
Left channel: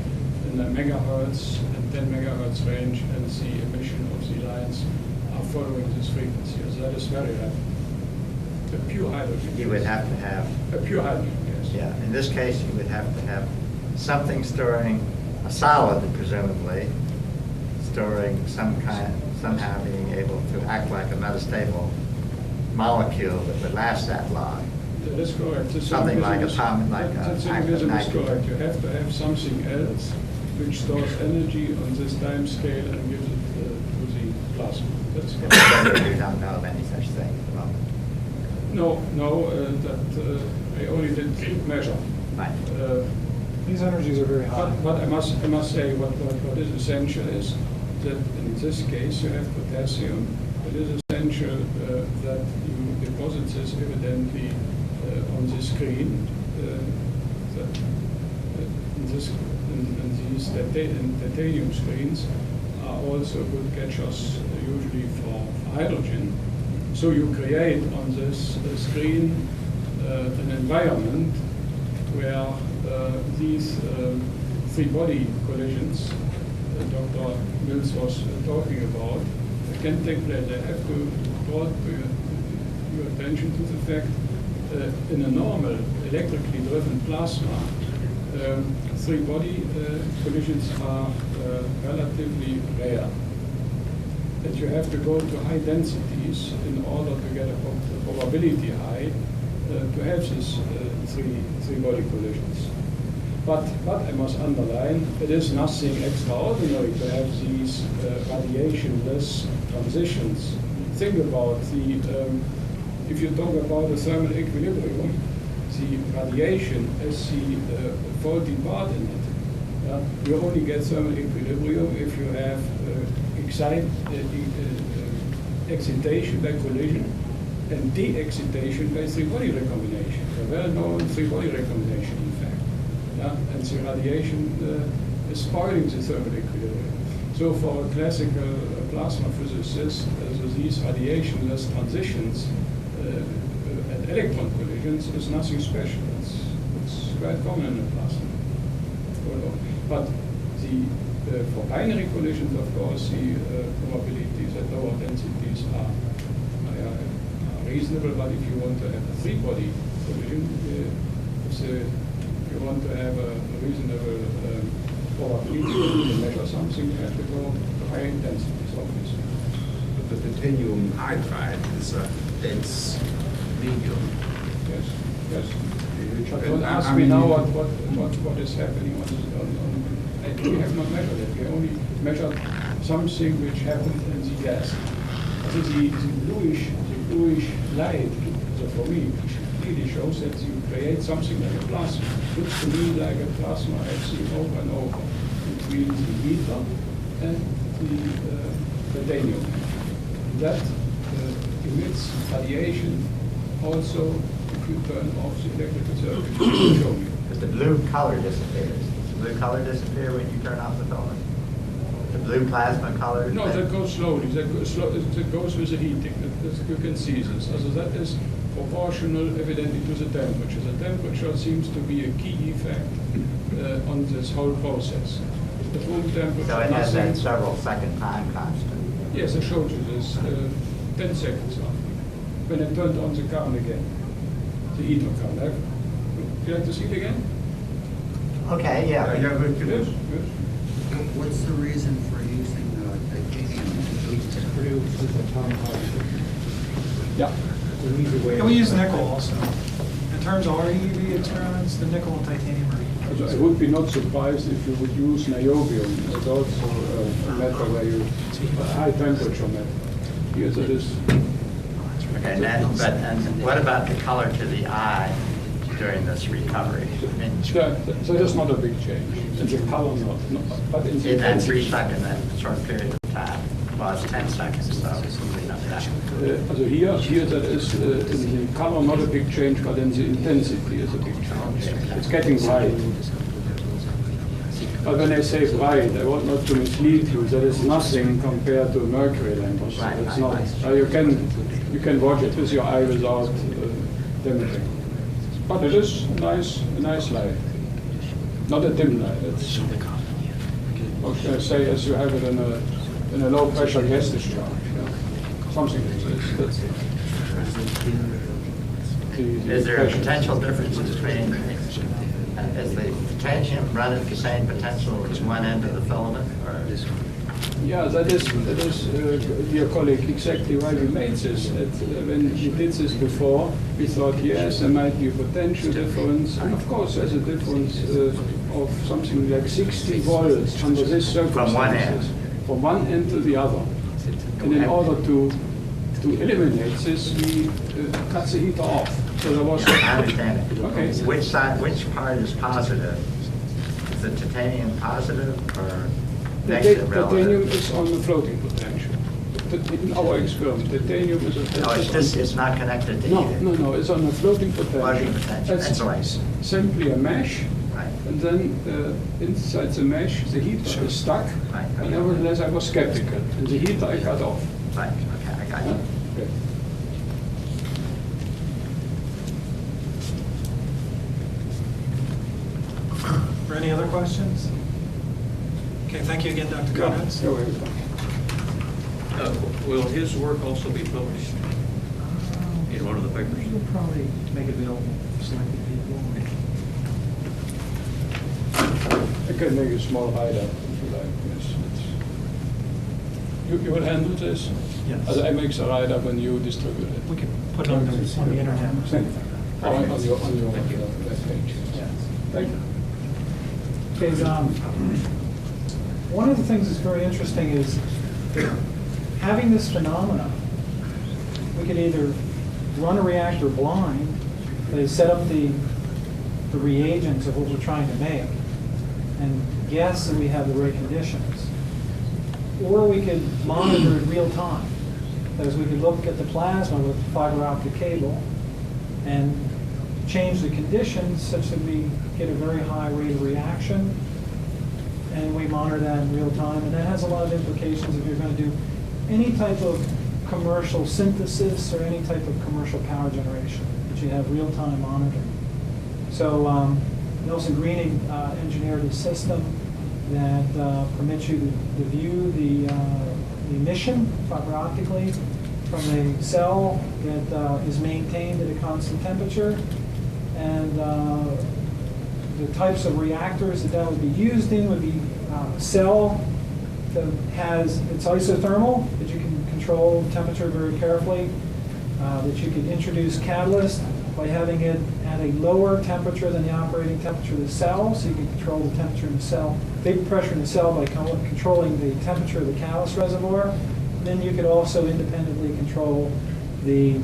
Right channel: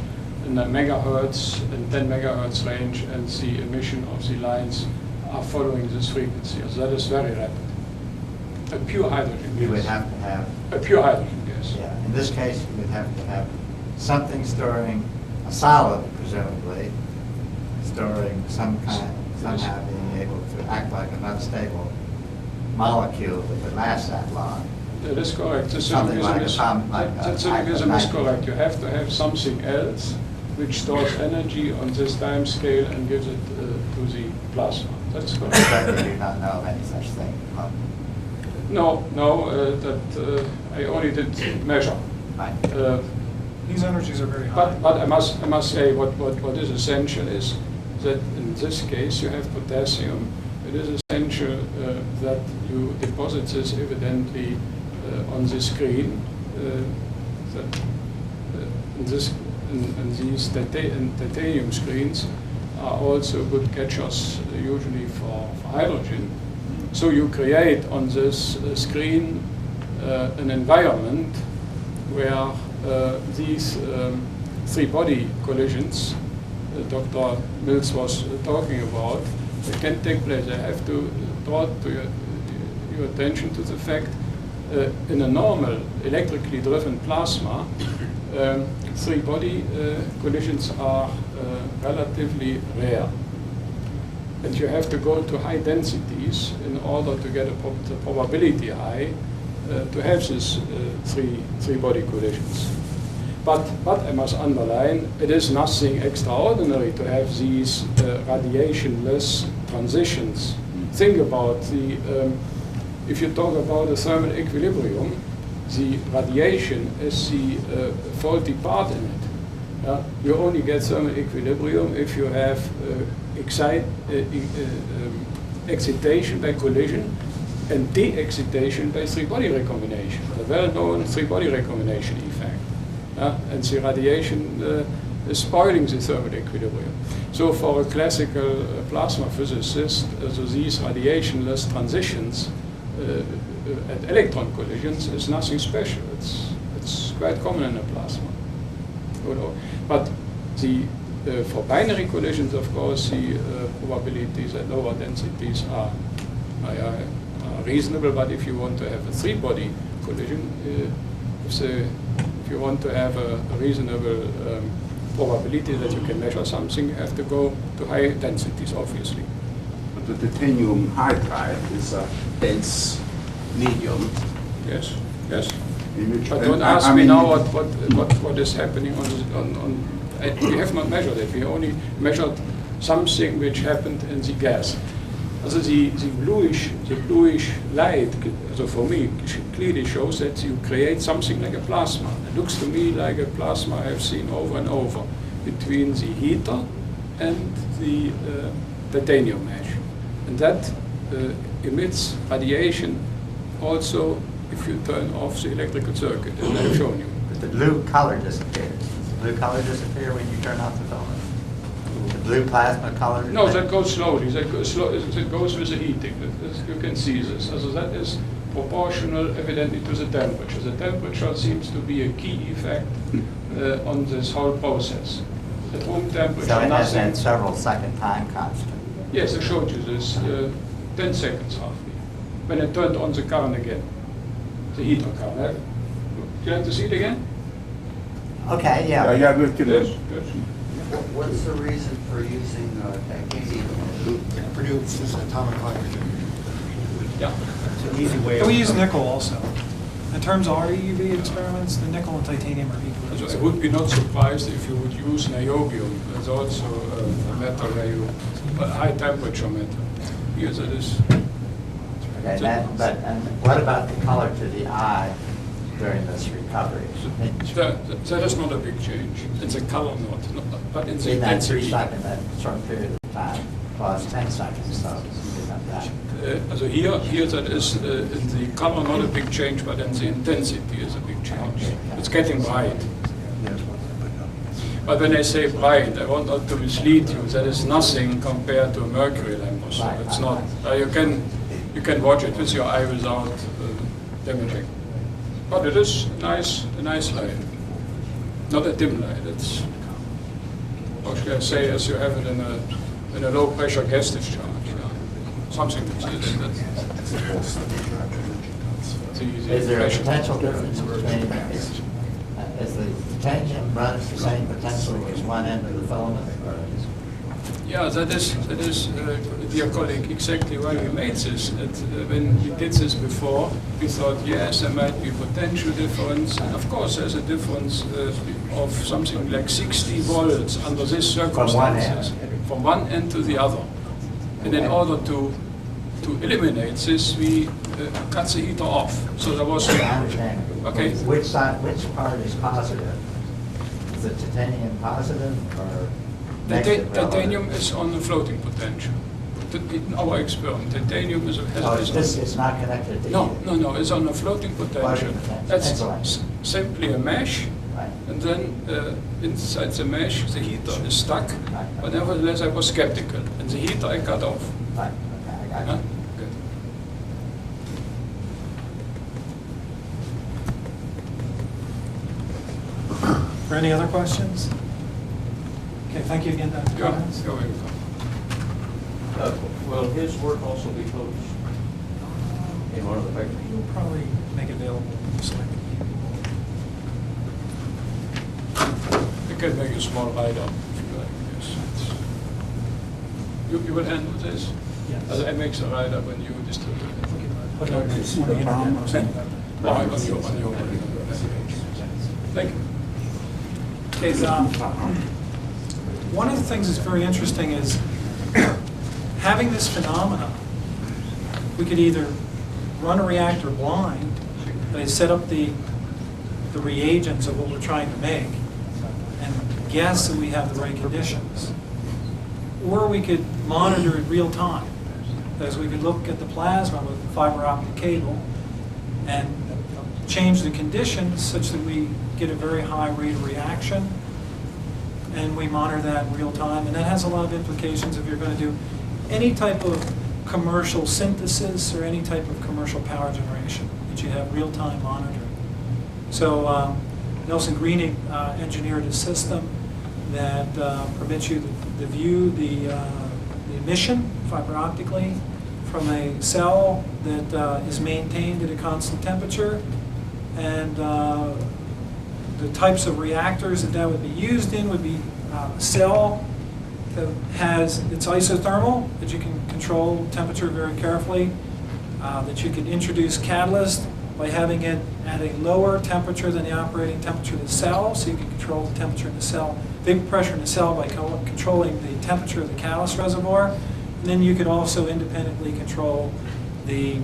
in a megahertz and 10 megahertz range, and the emission of the lines are following this frequency. So that is very rapid. A pure hydrogen gas. You would have to have... A pure hydrogen gas. Yeah, in this case, you would have to have something storing, a solid presumably, storing somehow being able to act like a metastable molecule that would last that long. That is correct. Something like a That symbolism is correct. You have to have something else which stores energy on this time scale and gives it to the plasma. That's correct. We don't know of any such thing. Well, No, that I only did measure. right. These energies are very high. But I must say what is essential is that in this case you have potassium. It is essential that you deposit this evidently on the screen. These titanium screens are also good catchers usually for hydrogen. So you create on this screen an environment where these three-body collisions that Dr. Mills was talking about can take place. I have to draw to your attention to the fact in a normal electrically driven plasma, three-body collisions are relatively rare. And you have to go to high densities in order to get the probability high to have these three-body collisions. But I must underline, it is nothing extraordinary to have these radiationless transitions. Think about if you talk about the thermal equilibrium, the radiation is the faulty part in it. You only get thermal equilibrium if you have excitation by collision and de-excitation by three-body recombination, a well-known three-body recombination effect. And the radiation is spoiling the thermal equilibrium. So for a classical plasma physicist, these radiationless transitions at electron collisions is nothing special. It's quite common in a plasma. But for binary collisions, of course, the probabilities at lower densities are reasonable. But if you want to have a three-body collision, if you want to have a reasonable probability that you can measure something, you have to go to high densities, obviously. The titanium hydride is a dense medium. Yes, yes. Which- But don't I ask me mean, now what is happening we have not measured it. We only measured something which happened in the gas. Also the bluish light, so for me, clearly shows that you create something like a plasma. Looks to me like a plasma I've seen over and over between the heater and the titanium mesh. And that emits radiation also if you turn off the electrical circuit, I've shown you. The blue color disappears. Does the blue color disappear when you turn off the filament? The blue plasma color? No, that goes slowly. That goes with the heating. You can see this. So that is proportional, evidently, to the temperature. The temperature seems to be a key effect on this whole process. At room temperature, So it has nothing. that several second time constant. Yes, I showed you this 10 seconds roughly. When I turned on the current again, the heater current. Do you like to see it again? Okay, Yeah, yeah. we can. Yes. What's the reason for using titanium to produce this atomic hydrogen? Yeah. It's an easy way. And we use nickel also. In terms of our EUV experiments, the nickel and titanium are equal. So I would be not surprised if you would use niobium. That's also a metal where you, a high temperature metal. Here that is. Okay, and what about the color to the eye during this recovery? That is not a big change. It's a color knot, but in the In that intensity. 3 second, that short period of time? Well, it's 10 seconds, so it's usually not that. So here that is in the color not a big change, but in the intensity is a big change. It's getting bright. But when I say bright, I want not to mislead you. That is nothing compared to a mercury lamp or so. Right, It's right, not. right. You can watch it with your eye without damaging. But it is a nice light. Not a dim light. It's, what should I say, as you have it in a low pressure gas discharge. Yeah. Something like this. Is there a potential difference between, is the titanium run at the same potential as one end of the filament? Or is Yeah, that is, dear colleague, exactly why we made this. When he did this before, we thought, yes, there might be a potential difference. And of course, there's a difference of something like 60 volts under these circumstances. From one end to the other. And in order to eliminate this, we cut the heater off. So there was. I understand it. Okay. Which part is positive? Is the titanium positive or The negative? titanium relative? is on the floating potential. In our experiment, titanium is a. No, it's not connected to No, either. no, it's on a floating potential. Floating potential, That's that's right. simply a mesh, Right. and then inside the mesh, the heater is stuck. Right. But nevertheless, I was skeptical, and the heater I cut off. Right, okay, I got Huh? you. Okay. Any other questions? Okay, thank you again, Dr. Conrads. Go ahead. Will his work also be published in one of the papers? We'll probably make it available to selected people. I can make a small write-up if you like, yes. You will handle this? Yes. I make the write-up and you distribute it. Put it on the internet. On your page. Thank you. Okay, one of the things that's very interesting is having this phenomena. We could either run a reactor blind, they set up the reagents of what we're trying to make, and guess that we have the right conditions. Or we could monitor in real time, as we could look at the plasma with fiber optic cable and change the conditions such that we get a very high rate of reaction, and we monitor that in real time. And that has a lot of implications if you're going to do any type of commercial synthesis or any type of commercial power generation, that you have real-time monitoring. So Nelson Greening engineered a system that permits you to view the emission fiber optically from a cell that is maintained at a constant temperature, and the types of reactors that would be used in would be a cell that has, it's isothermal, that you can control temperature very carefully. that you could introduce catalyst by having it at a lower temperature than the operating temperature of the cell, so you can control the temperature in the cell, vapor pressure in the cell by controlling the temperature of the catalyst reservoir. And then you could also independently control the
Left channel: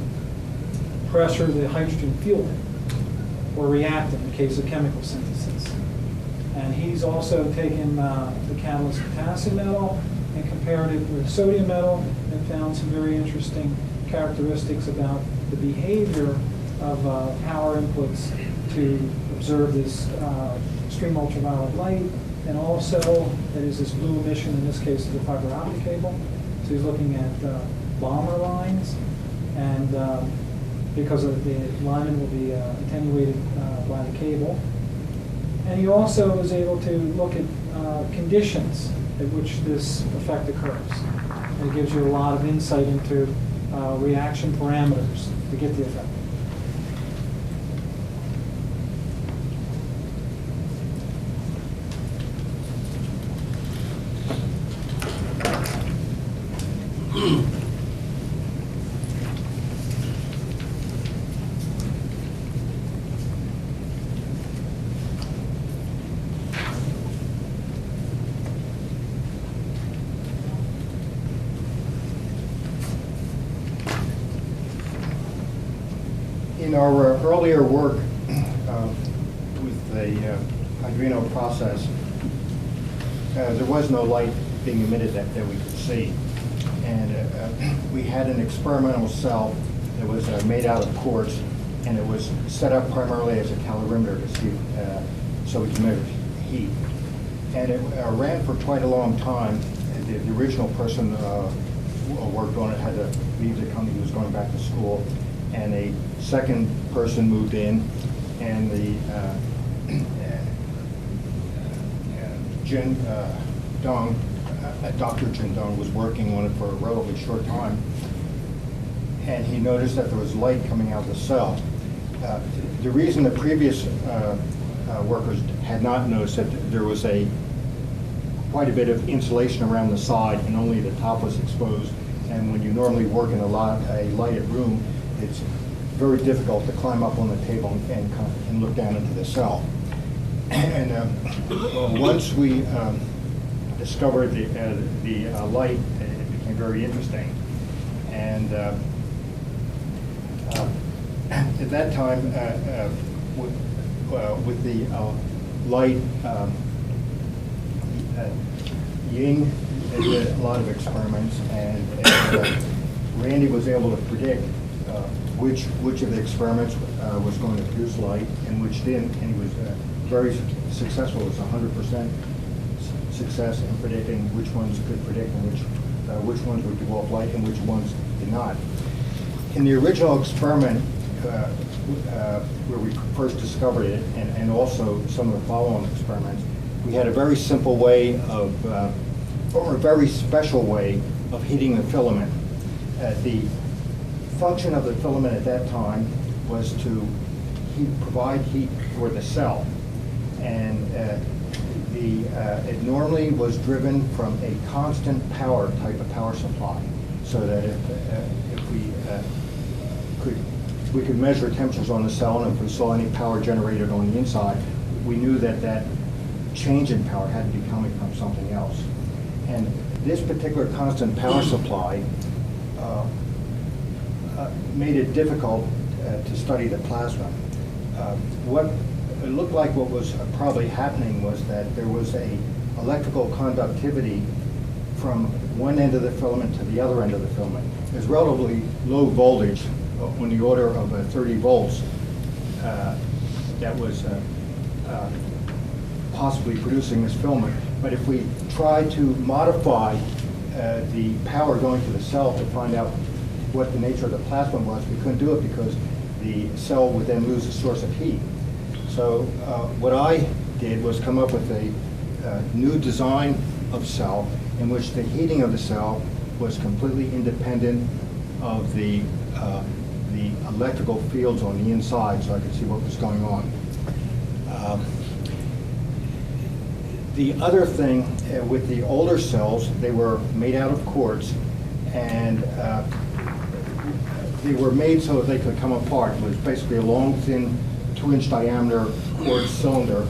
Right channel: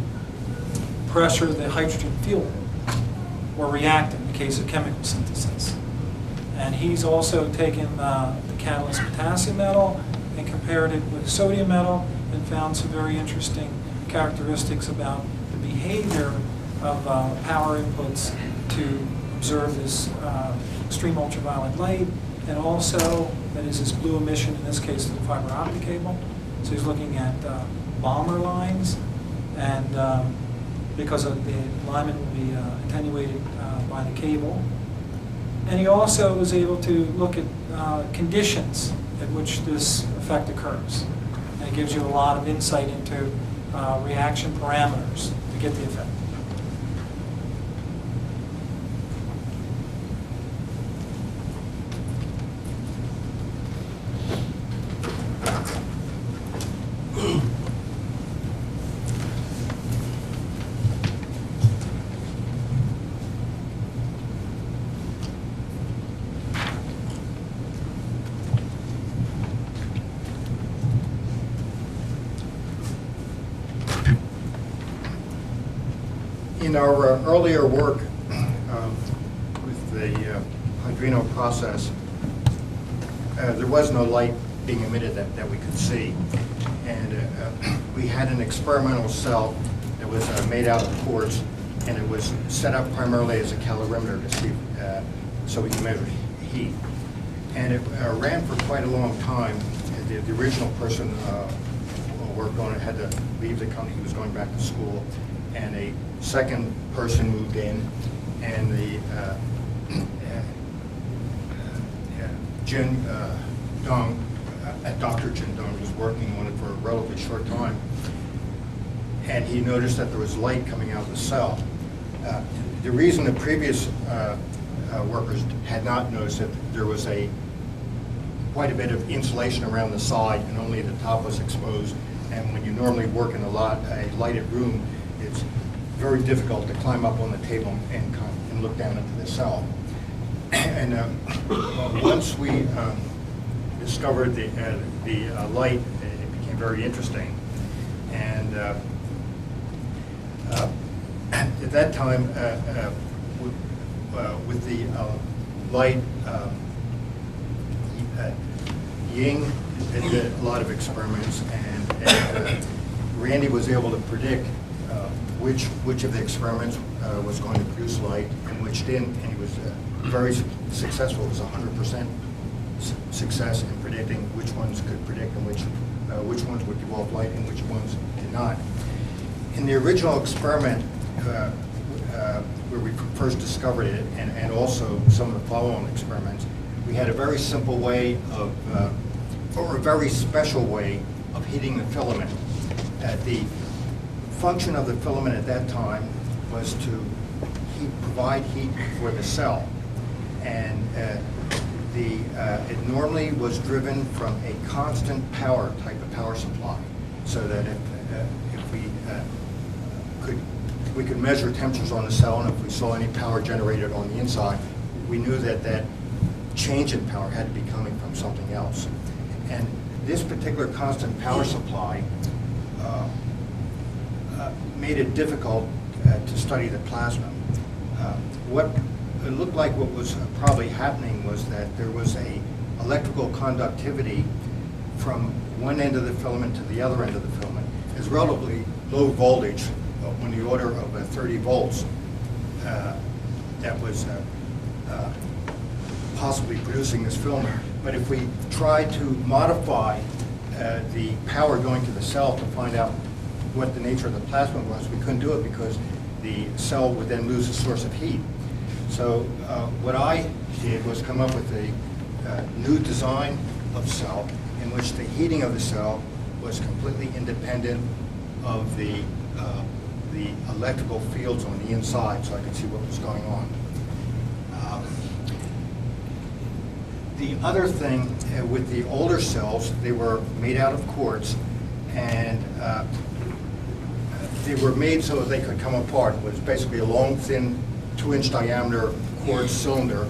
pressure of the hydrogen fuel or reactant in the case of chemical synthesis. And he's also taken the catalyst potassium metal and compared it with sodium metal and found some very interesting characteristics about the behavior of power inputs to observe this extreme ultraviolet light, and also that is this blue emission, in this case, to the fiber optic cable. So he's looking at Balmer lines, and because of the alignment will be attenuated by the cable. And he also was able to look at conditions at which this effect occurs. And it gives you a lot of insight into reaction parameters to get the effect. In our earlier work with the Hydride process, there was no light being emitted that we could see. And we had an experimental cell that was made out of quartz, and it was set up primarily as a calorimeter to see, so we can measure heat. And it ran for quite a long time. And the original person who worked on it had to leave the company. He was going back to school. And a second person moved in, and the Jin Dong, Dr. Jin Dong was working on it for a relatively short time. And he noticed that there was light coming out of the cell. The reason the previous workers had not noticed it, there was quite a bit of insulation around the side, and only the top was exposed. And when you normally work in a lighted room, it's very difficult to climb up on the table and look down into the cell. And once we discovered the light, it became very interesting. And at that time, with the light, Ying did a lot of experiments, and Randy was able to predict which of the experiments was going to produce light and which didn't, and he was very successful. It was 100% success in predicting which ones could predict and which ones would give off light and which ones did not. In the original experiment, where we first discovered it, and also some of the follow-on experiments, we had a very simple way of, or a very special way of heating the filament. The function of the filament at that time was to provide heat for the cell, and it normally was driven from a constant power type of power supply, so that if we could measure temperatures on the cell, and if we saw any power generated on the inside, we knew that change in power had to be coming from something else. And this particular constant power supply made it difficult to study the plasma. What it looked like what was probably happening was that there was a electrical conductivity from one end of the filament to the other end of the filament. It's relatively low voltage, on the order of 30 volts, that was possibly producing this filament. But if we try to modify the power going to the cell to find out what the nature of the plasma was, we couldn't do it because the cell would then lose a source of heat. So what I did was come up with a new design of cell in which the heating of the cell was completely independent of the electrical fields on the inside, so I could see what was going on. The other thing with the older cells, they were made out of quartz, and they were made so that they could come apart. It was basically a long, thin, 2-inch diameter quartz cylinder,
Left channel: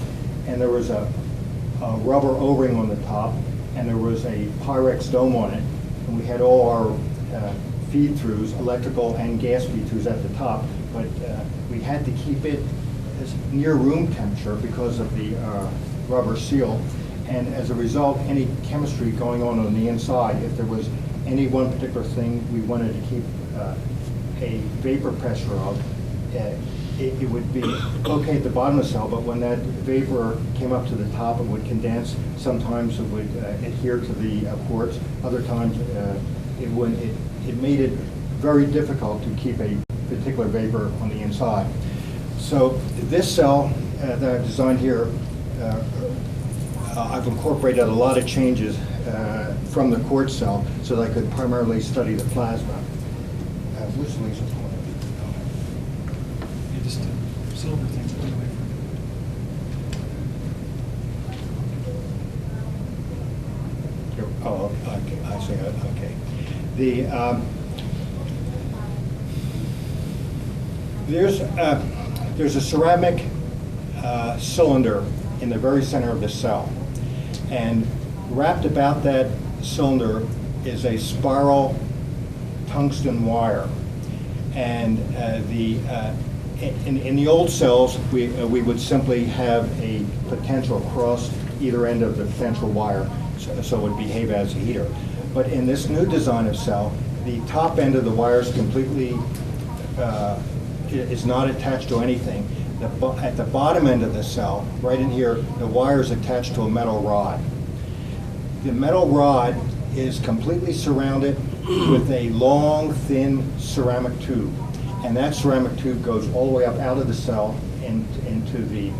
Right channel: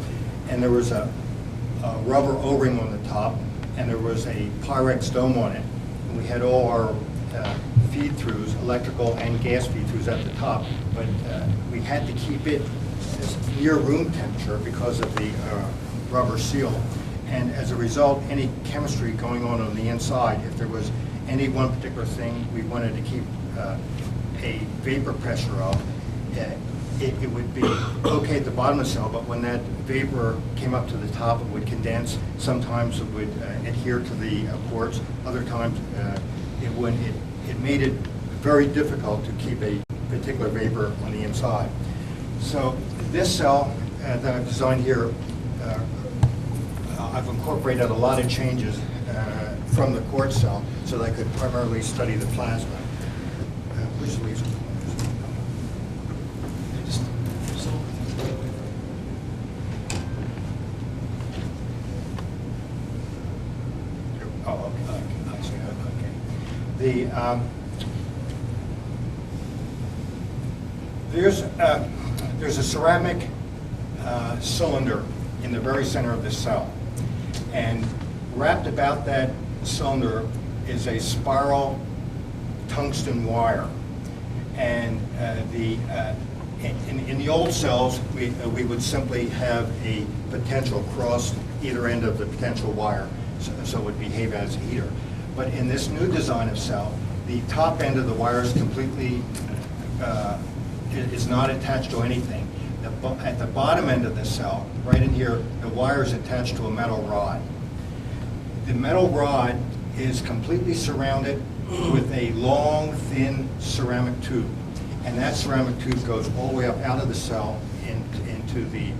and there was a rubber O-ring on the top, and there was a Pyrex dome on it. And we had all our feed-throughs, electrical and gas feed-throughs at the top, but we had to keep it near room temperature because of the rubber seal. And as a result, any chemistry going on the inside, if there was any one particular thing we wanted to keep a vapor pressure of, it would be okay at the bottom of the cell, but when that vapor came up to the top, it would condense. Sometimes it would adhere to the quartz. Other times it wouldn't. It made it very difficult to keep a particular vapor on the inside. So this cell that I've designed here, I've incorporated a lot of changes from the quartz cell so that I could primarily study the plasma. Which laser pointers? Silver things are really Oh, okay, I see, okay. There's a ceramic cylinder in the very center of the cell. And wrapped about that cylinder is a spiral tungsten wire. And in the old cells, we would simply have a potential across either end of the potential wire, so it would behave as a heater. But in this new design of cell, the top end of the wire is completely, is not attached to anything. At the bottom end of the cell, right in here, the wire is attached to a metal rod. The metal rod is completely surrounded with a long, thin ceramic tube. And that ceramic tube goes all the way up out of the cell into the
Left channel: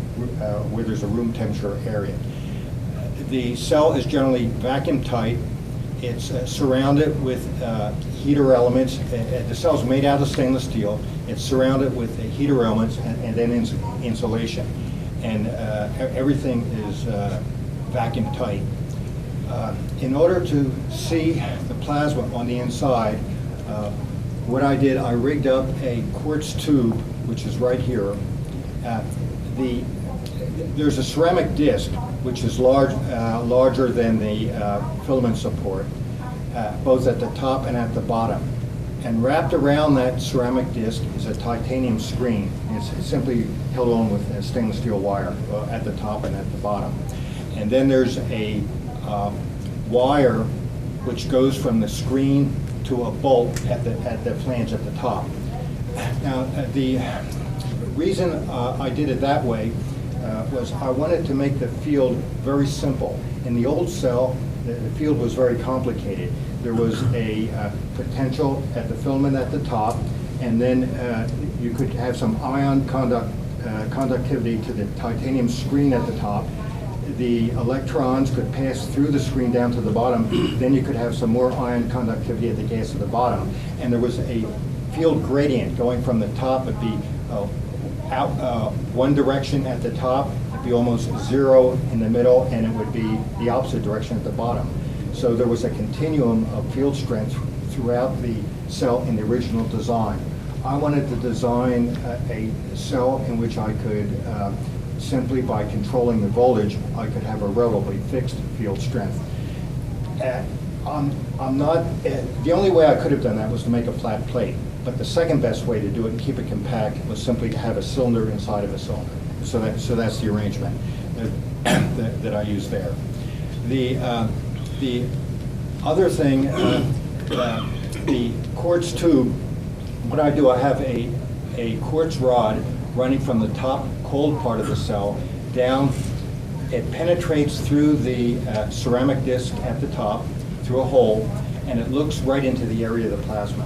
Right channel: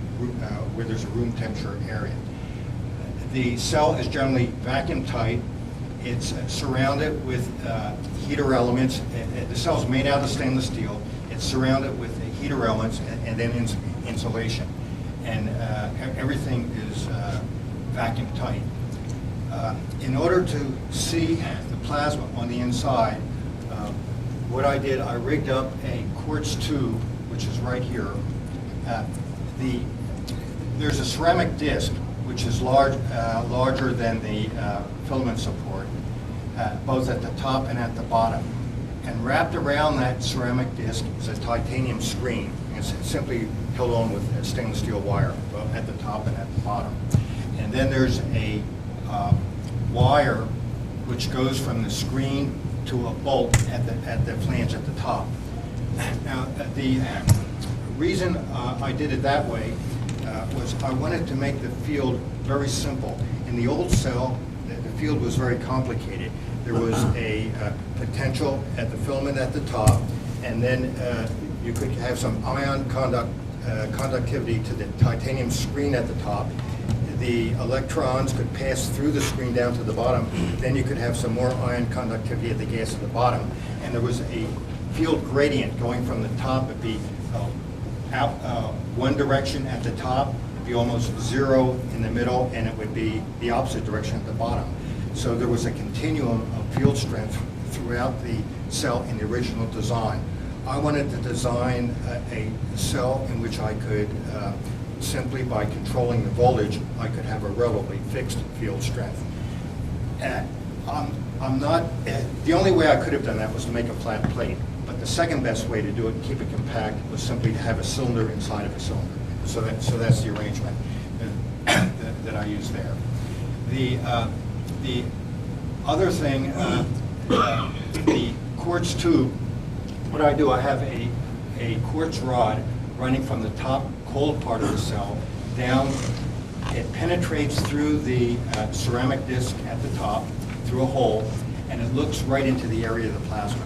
where there's a room temperature area. The cell is generally vacuum tight. It's surrounded with heater elements. The cell's made out of stainless steel. It's surrounded with heater elements and then insulation. And everything is vacuum tight. In order to see the plasma on the inside, what I did, I rigged up a quartz tube, which is right here. There's a ceramic disc, which is larger than the filament support, both at the top and at the bottom. And wrapped around that ceramic disc is a titanium screen. It's simply held on with a stainless steel wire at the top and at the bottom. And then there's a wire which goes from the screen to a bolt at the flange at the top. Now, the reason I did it that way was I wanted to make the field very simple. In the old cell, the field was very complicated. There was a potential at the filament at the top, and then you could have some ion conductivity to the titanium screen at the top. The electrons could pass through the screen down to the bottom. Then you could have some more ion conductivity at the gas at the bottom. And there was a field gradient going from the top. It'd be out one direction at the top, it'd be almost zero in the middle, and it would be the opposite direction at the bottom. So there was a continuum of field strength throughout the cell in the original design. I wanted to design a cell in which I could simply by controlling the voltage, I could have a relatively fixed field strength. I'm not, the only way I could have done that was to make a flat plate, but the second best way to do it and keep it compact was simply to have a cylinder inside of a cylinder. So that's the arrangement that I use there. The other thing, the quartz tube, what I do, I have a quartz rod running from the top cold part of the cell down. It penetrates through the ceramic disc at the top, through a hole, and it looks right into the area of the plasma.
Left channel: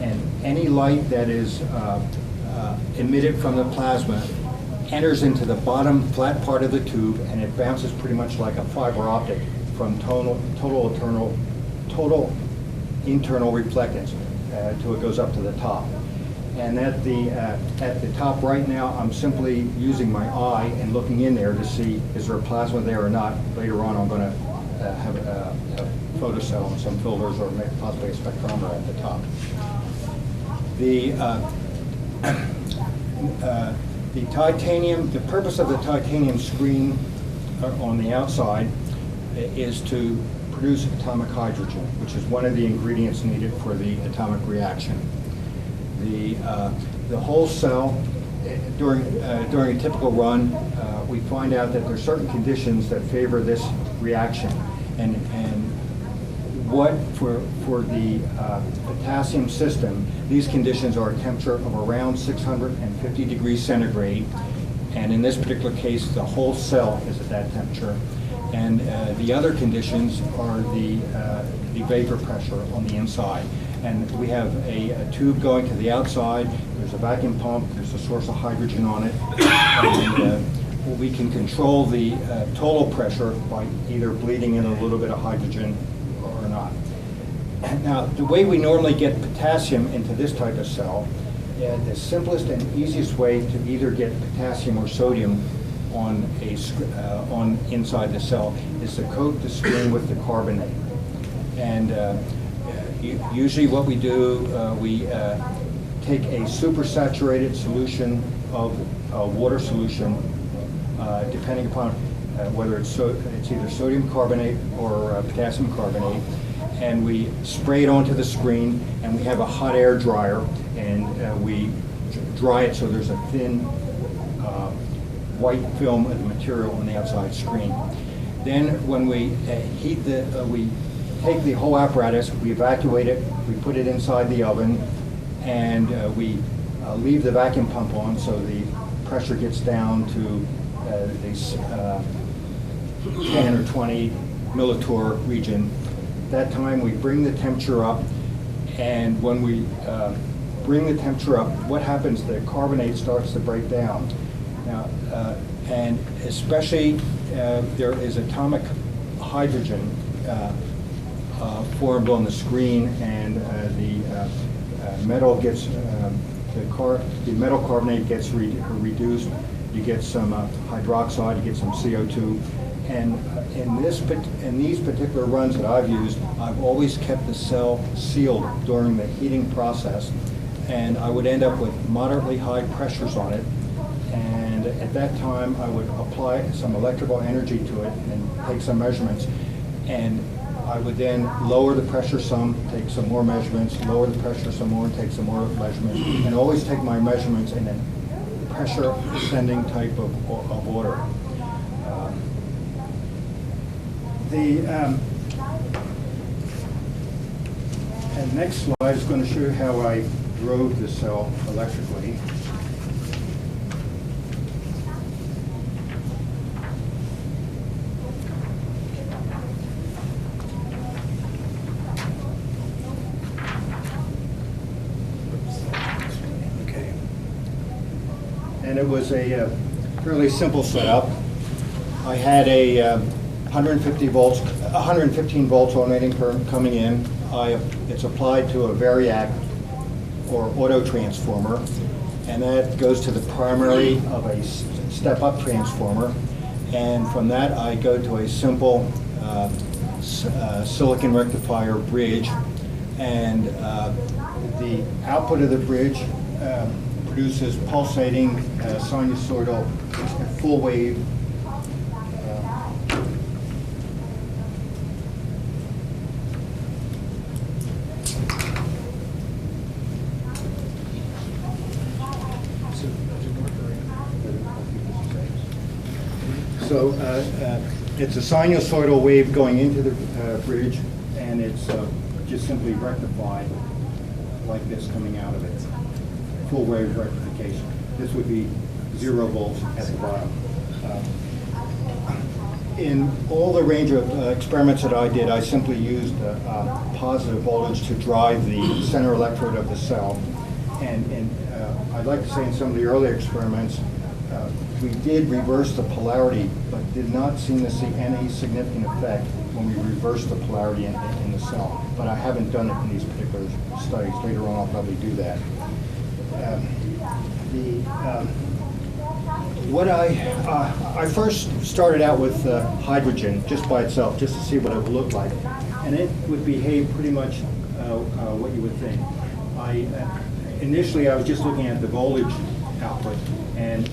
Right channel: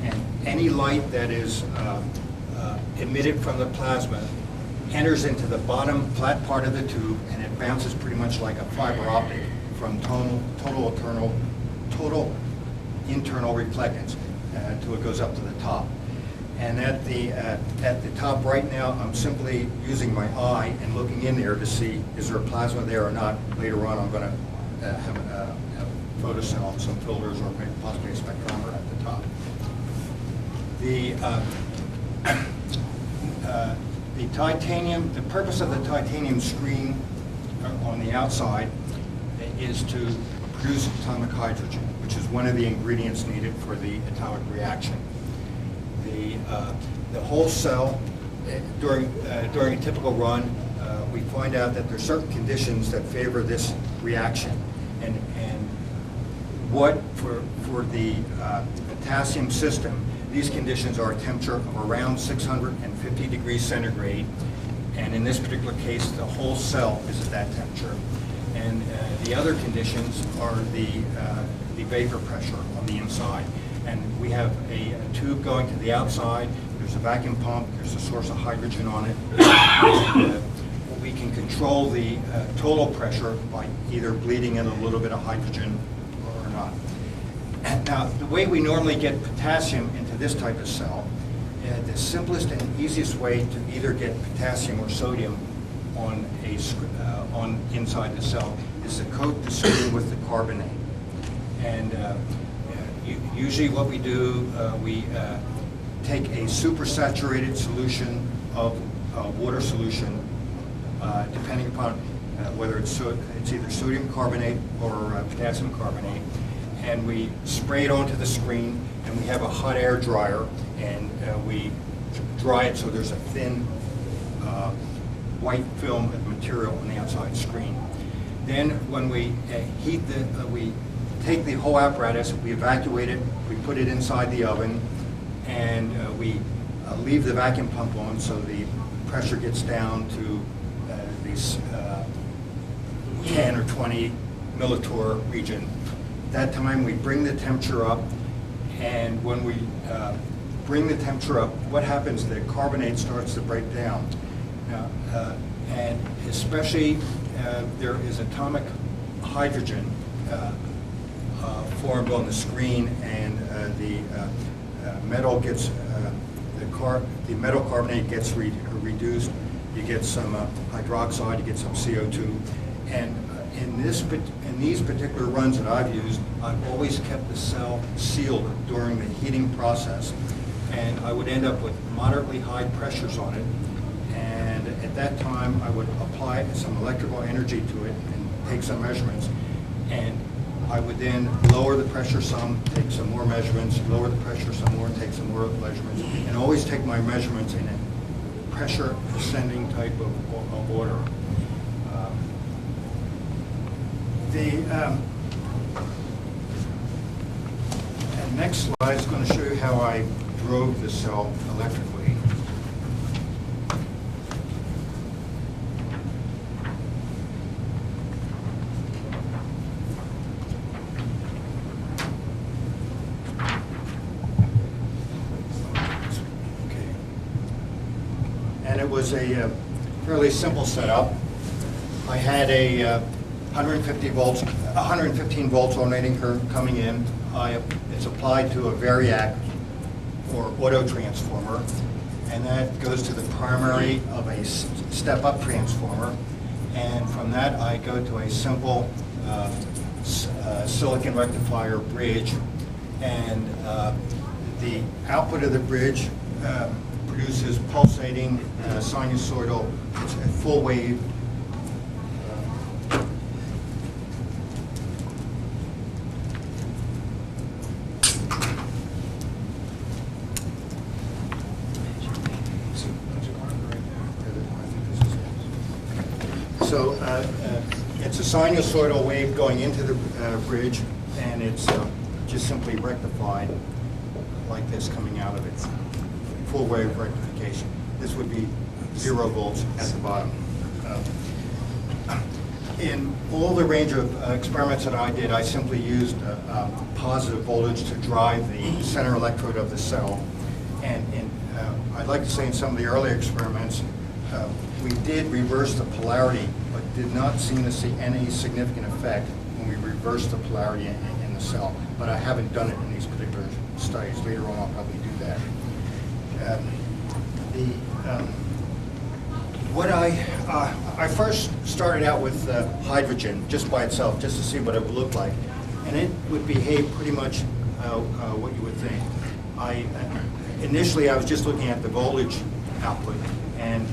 And any light that is emitted from the plasma enters into the bottom flat part of the tube, and it bounces pretty much like a fiber optic from total internal reflectance till it goes up to the top. And at the top right now, I'm simply using my eye and looking in there to see is there plasma there or not. Later on, I'm going to have a photocell and some filters or possibly a spectrometer at the top. The titanium, the purpose of the titanium screen on the outside is to produce atomic hydrogen, which is one of the ingredients needed for the atomic reaction. The whole cell, during a typical run, we find out that there's certain conditions that favor this reaction. And what, for the potassium system, these conditions are a temperature of around 650 degrees centigrade. And in this particular case, the whole cell is at that temperature. And the other conditions are the vapor pressure on the inside. And we have a tube going to the outside, there's a vacuum pump, there's a source of hydrogen on it. And we can control the total pressure by either bleeding in a little bit of hydrogen or not. Now, the way we normally get potassium into this type of cell, the simplest and easiest way to either get potassium or sodium on inside the cell is to coat the screen with the carbonate. And usually what we do, we take a supersaturated solution of a water solution, depending upon whether it's either sodium carbonate or potassium carbonate, and we spray it onto the screen, and we have a hot air dryer, and we dry it so there's a thin white film of material on the outside screen. Then when we we take the whole apparatus, we evacuate it, we put it inside the oven, and we leave the vacuum pump on so the pressure gets down to this 10 or 20 millitorr region. At that time, we bring the temperature up, and when we bring the temperature up, what happens? The carbonate starts to break down. Now, and especially there is atomic hydrogen formed on the screen, and the metal gets the metal carbonate gets reduced. You get some hydroxide, you get some CO2, and in these particular runs that I've used, I've always kept the cell sealed during the heating process, and I would end up with moderately high pressures on it. And at that time, I would apply some electrical energy to it and take some measurements, and I would then lower the pressure some, take some more measurements, lower the pressure some more, take some more measurements, and always take my measurements in a pressure ascending type of order. And next slide is going to show you how I drove the cell electrically. And it was a fairly simple setup. I had a 115 volts alternating current coming in. It's applied to a variac or auto transformer, and that goes to the primary of a step-up transformer. And from that, I go to a simple silicon rectifier bridge, and the output of the bridge produces pulsating sinusoidal, it's a full wave. So it's a sinusoidal wave going into the bridge, and it's just simply rectified like this coming out of it. Full wave rectification. This would be 0 volts at the bottom. In all the range of experiments that I did, I simply used a positive voltage to drive the center electrode of the cell. And I'd like to say in some of the earlier experiments, we did reverse the polarity, but did not seem to see any significant effect when we reversed the polarity in the cell. But I haven't done it in these particular studies. Later on, I'll probably do that. I first started out with hydrogen just by itself, just to see what it would look like, and it would behave pretty much what you would think. initially I was just looking at the voltage output, and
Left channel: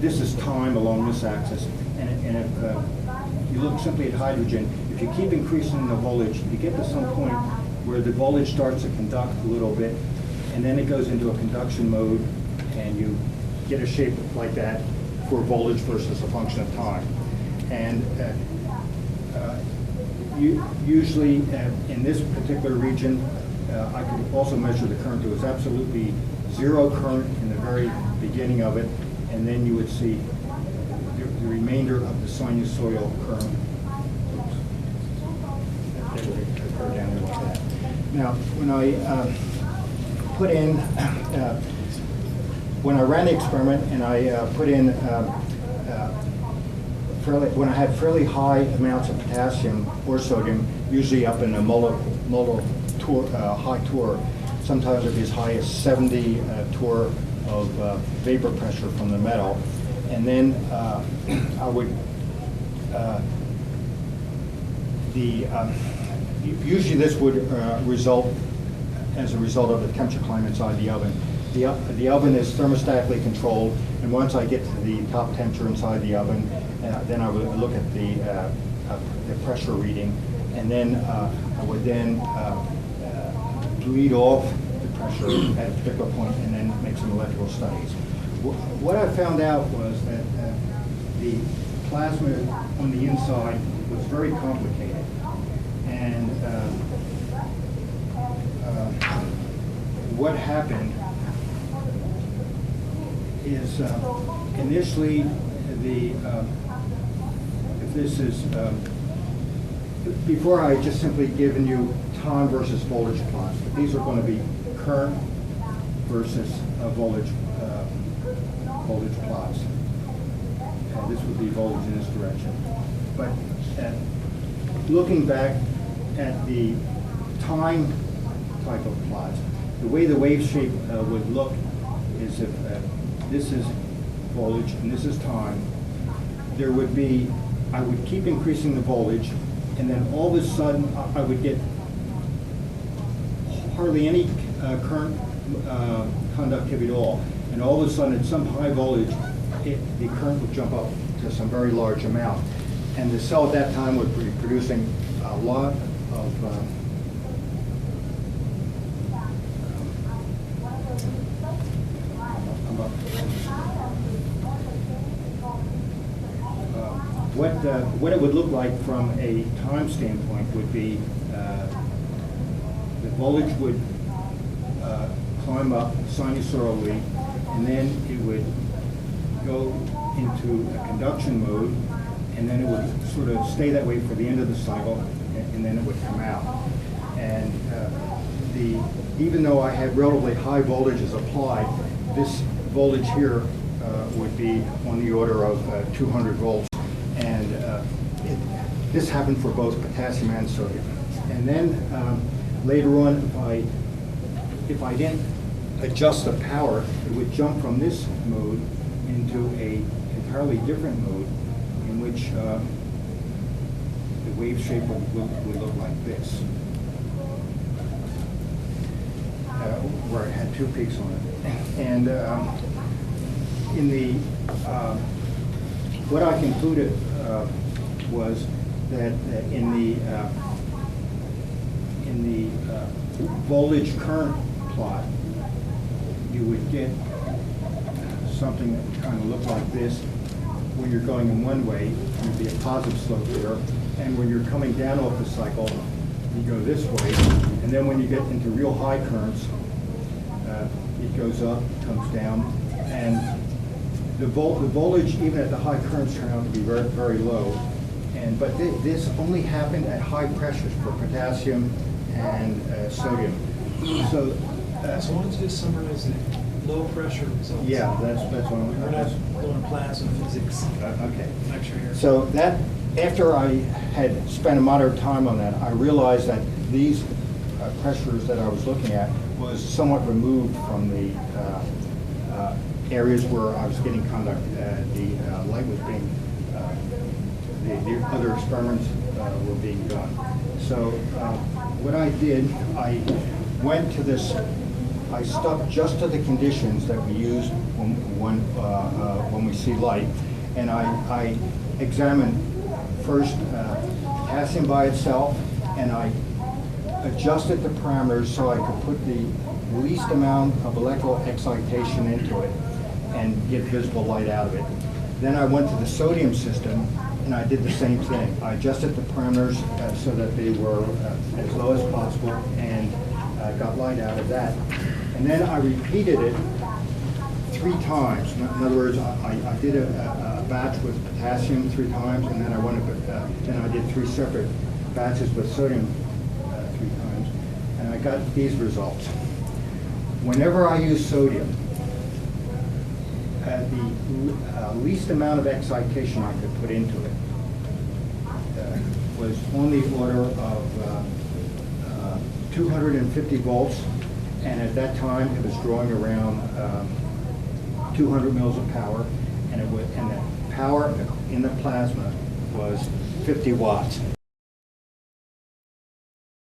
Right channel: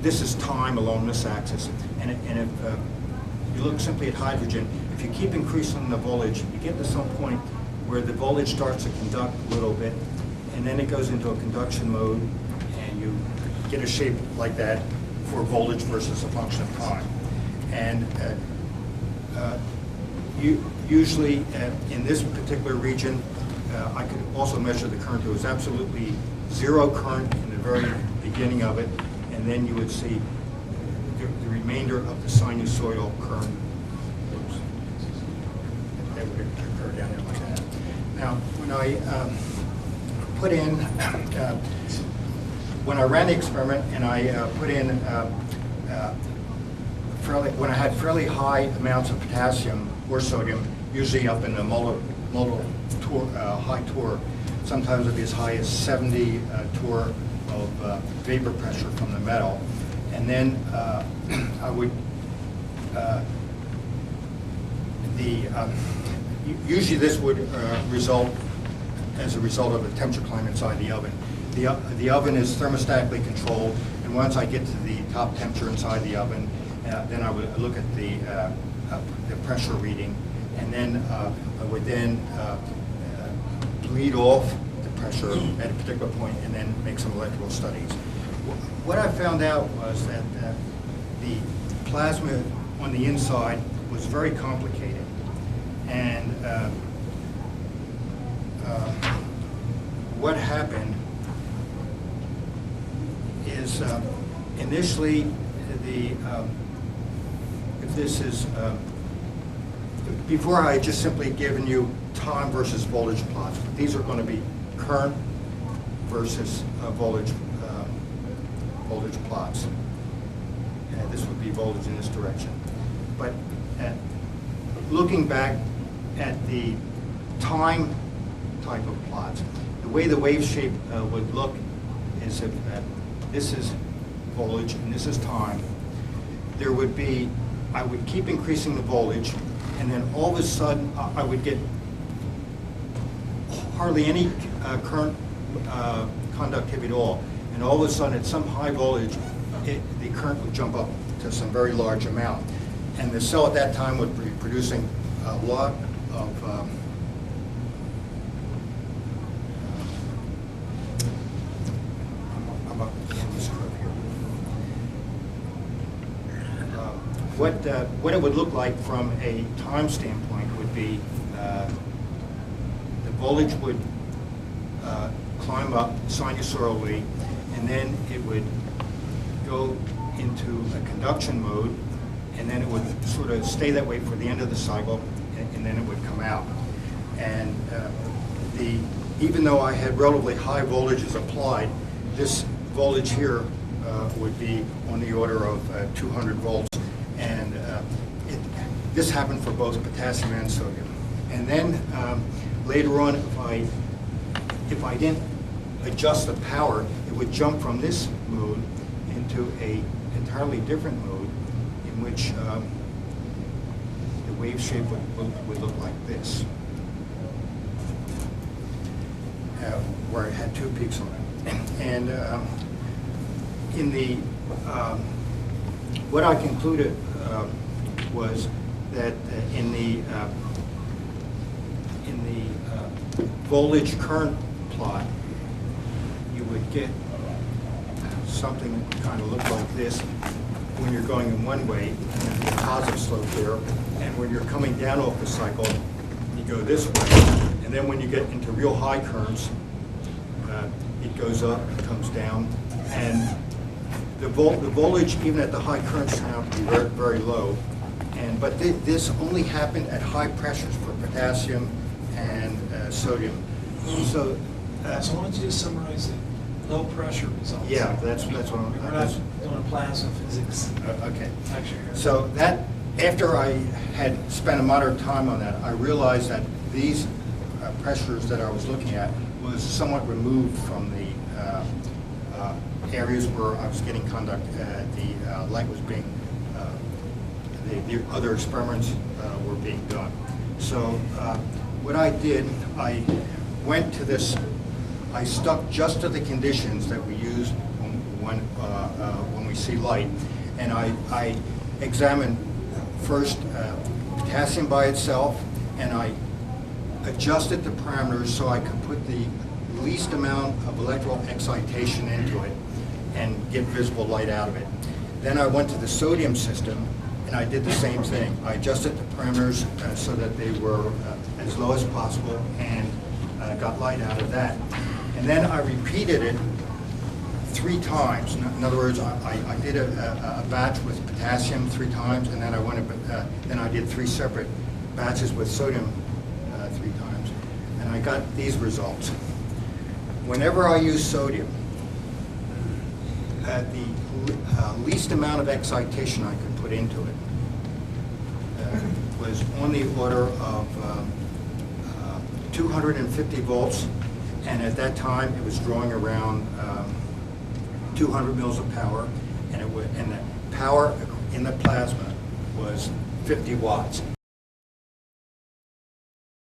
this is time along this axis. And if you look simply at hydrogen, if you keep increasing the voltage, you get to some point where the voltage starts to conduct a little bit, and then it goes into a conduction mode, and you get a shape like that for voltage versus a function of time. And usually in this particular region, I could also measure the current. There was absolutely zero current in the very beginning of it, and then you would see the remainder of the sinusoidal current. Oops. That would occur down there like that. Now, when I put in, when I ran the experiment and I put in when I had fairly high amounts of potassium or sodium, usually up in a high torr, sometimes it'd be as high as 70 torr of vapor pressure from the metal. And then I would, usually this would result as a result of the temperature climb inside the oven. The oven is thermostatically controlled, and once I get to the top temperature inside the oven, then I would look at the pressure reading, and then I would then bleed off the pressure at a particular point, and then make some electrical studies. What I found out was that the plasma on the inside was very complicated, and what happened is initially if this is before I just simply given you time versus voltage plots, but these are going to be current versus voltage plots, and this would be voltage in this direction. But looking back at the time type of plots, the way the wave shape would look is if this is voltage and this is time, there would be, I would keep increasing the voltage, and then all of a sudden I would get hardly any current conductivity at all. And all of a sudden at some high voltage, the current would jump up to some very large amount. And the cell at that time would be producing a lot of what it would look like from a time standpoint would be the voltage would climb up sinusoidally, and then it would go into a conduction mode, and then it would sort of stay that way for the end of the cycle, and then it would come out. And even though I had relatively high voltages applied, this voltage here would be on the order of 200 volts. And this happened for both potassium and sodium. And then later on, if I didn't adjust the power, it would jump from this mode into a entirely different mode in which the wave shape would look like this, where it had two peaks on it. And in the what I concluded was that in the voltage current plot, you would get something that kind of look like this when you're going in one way, there's a positive slope there, and when you're coming down off the cycle, you go this way, and then when you get into real high currents, it goes up, comes down, and the voltage, even at the high currents, turned out to be very, very low. But this only happened at high pressures for potassium and sodium. So why don't you just summarize the low pressure results? Yeah, that's what I'm. We're not doing plasma physics. Okay. Lecture here. So that, after I had spent a moderate time on that, I realized that these pressures that I was looking at was somewhat removed from the areas where I was getting conduct. The light was being, the other experiments were being done. So what I did, I went to this, I stuck just to the conditions that we use when we see light, and I examined first potassium by itself, and I adjusted the parameters so I could put the least amount of electrical excitation into it and get visible light out of it. Then I went to the sodium system, and I did the same thing. I adjusted the parameters so that they were as low as possible, and got light out of that. And then I repeated it 3 times. In other words, I did a batch with potassium 3 times, and then then I did 3 separate batches with sodium 3 times, and I got these results. Whenever I use sodium, the least amount of excitation I could put into it was on the order of 250 volts, and at that time it was drawing around 200 mils of power, and the power in the plasma was 50 watts.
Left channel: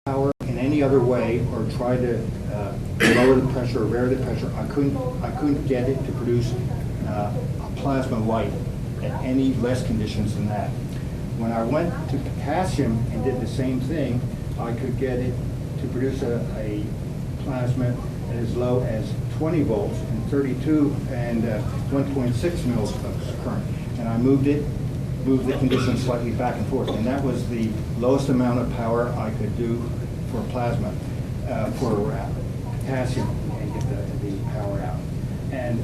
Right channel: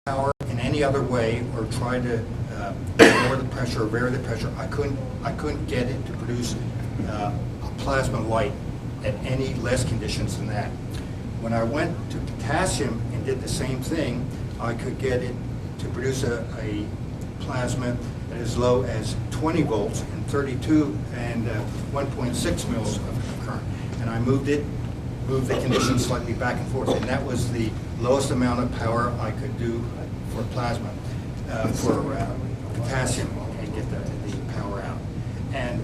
Power in any other way, or try to lower the pressure or vary the pressure, I couldn't get it to produce a plasma light at any less conditions than that. When I went to potassium and did the same thing, I could get it to produce a plasma as low as 20 volts and 32 and 1.6 mils of current. And I moved the conditions slightly back and forth, and that was the lowest amount of power I could do for plasma, for potassium, and get the power out. And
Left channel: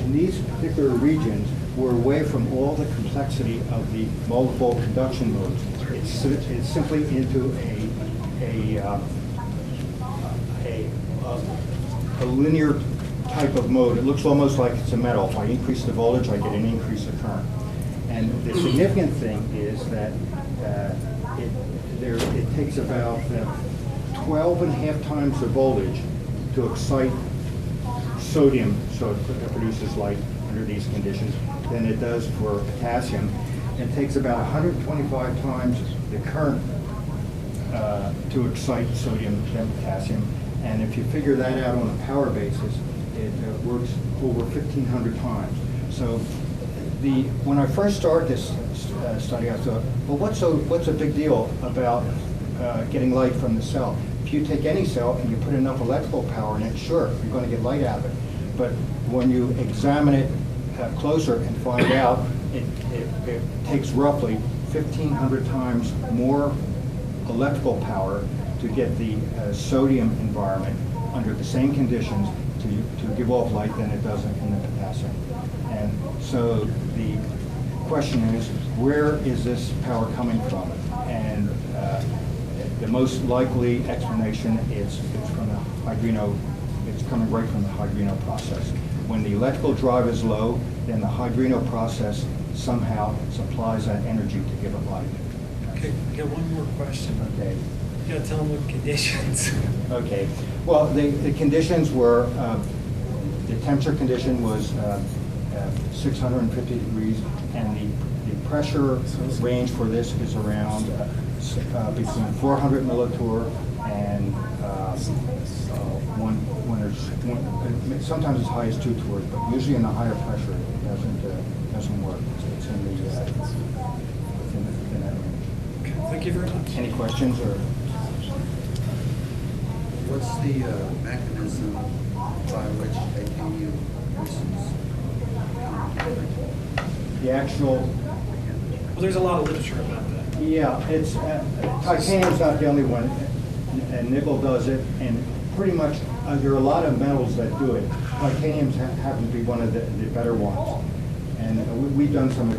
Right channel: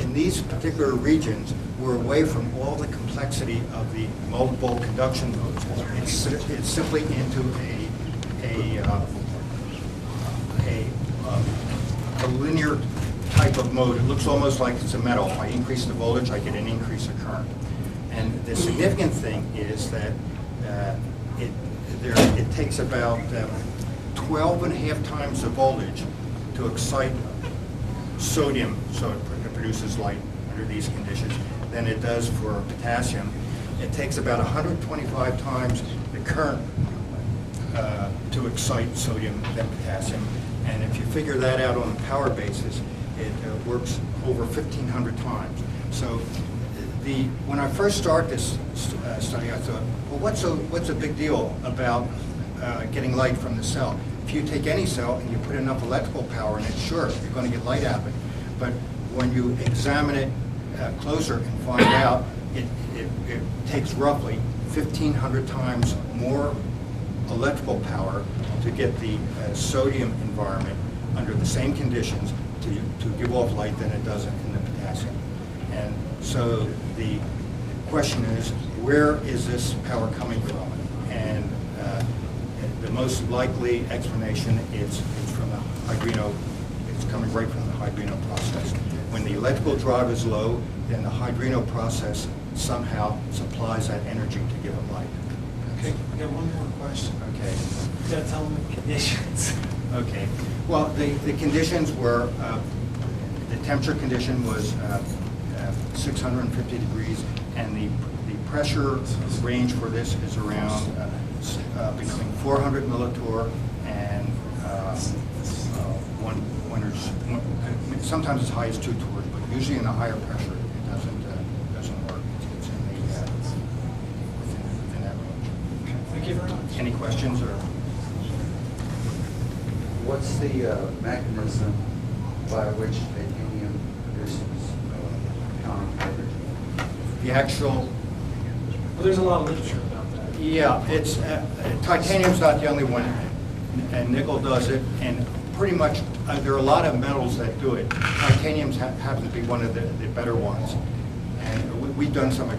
in these particular regions, we're away from all the complexity of the multiple conduction modes. It's simply into a linear type of mode. It looks almost like it's a metal. If I increase the voltage, I get an increase of current. And the significant thing is that it takes about 12.5 times the voltage to excite sodium, so it produces light under these conditions, than it does for potassium. It takes about 125 times the current to excite sodium than potassium. And if you figure that out on a power basis, it works over 1,500 times. So when I first started this study, I thought, well, what's a big deal about getting light from the cell? If you take any cell and you put enough electrical power in it, sure, you're going to get light out of it. But when you examine it closer and find out, it takes roughly 1,500 times more electrical power to get the sodium environment under the same conditions to give off light than it does in the potassium. And so the question is, where is this power coming from? And the most likely explanation is from the hydrino. It's coming right from the hydrino process. When the electrical drive is low, then the hydrino process somehow supplies that energy to give it light. Okay, got one more question. Okay. You gotta tell them the conditions. Okay. Well, the conditions were, the temperature condition was 650 degrees, and the pressure range for this is around between 400 millitorr and sometimes as high as 2 torrs, but usually in the higher pressure it doesn't work. It's in within that range. Okay, thank you very much. Any questions or? What's the mechanism by which titanium produces The actual, There's a lot of literature about that. yeah, it's, titanium's not the only one, and nickel does it, and pretty much, there are a lot of metals that do it. Titanium happens to be one of the better ones. And we've done some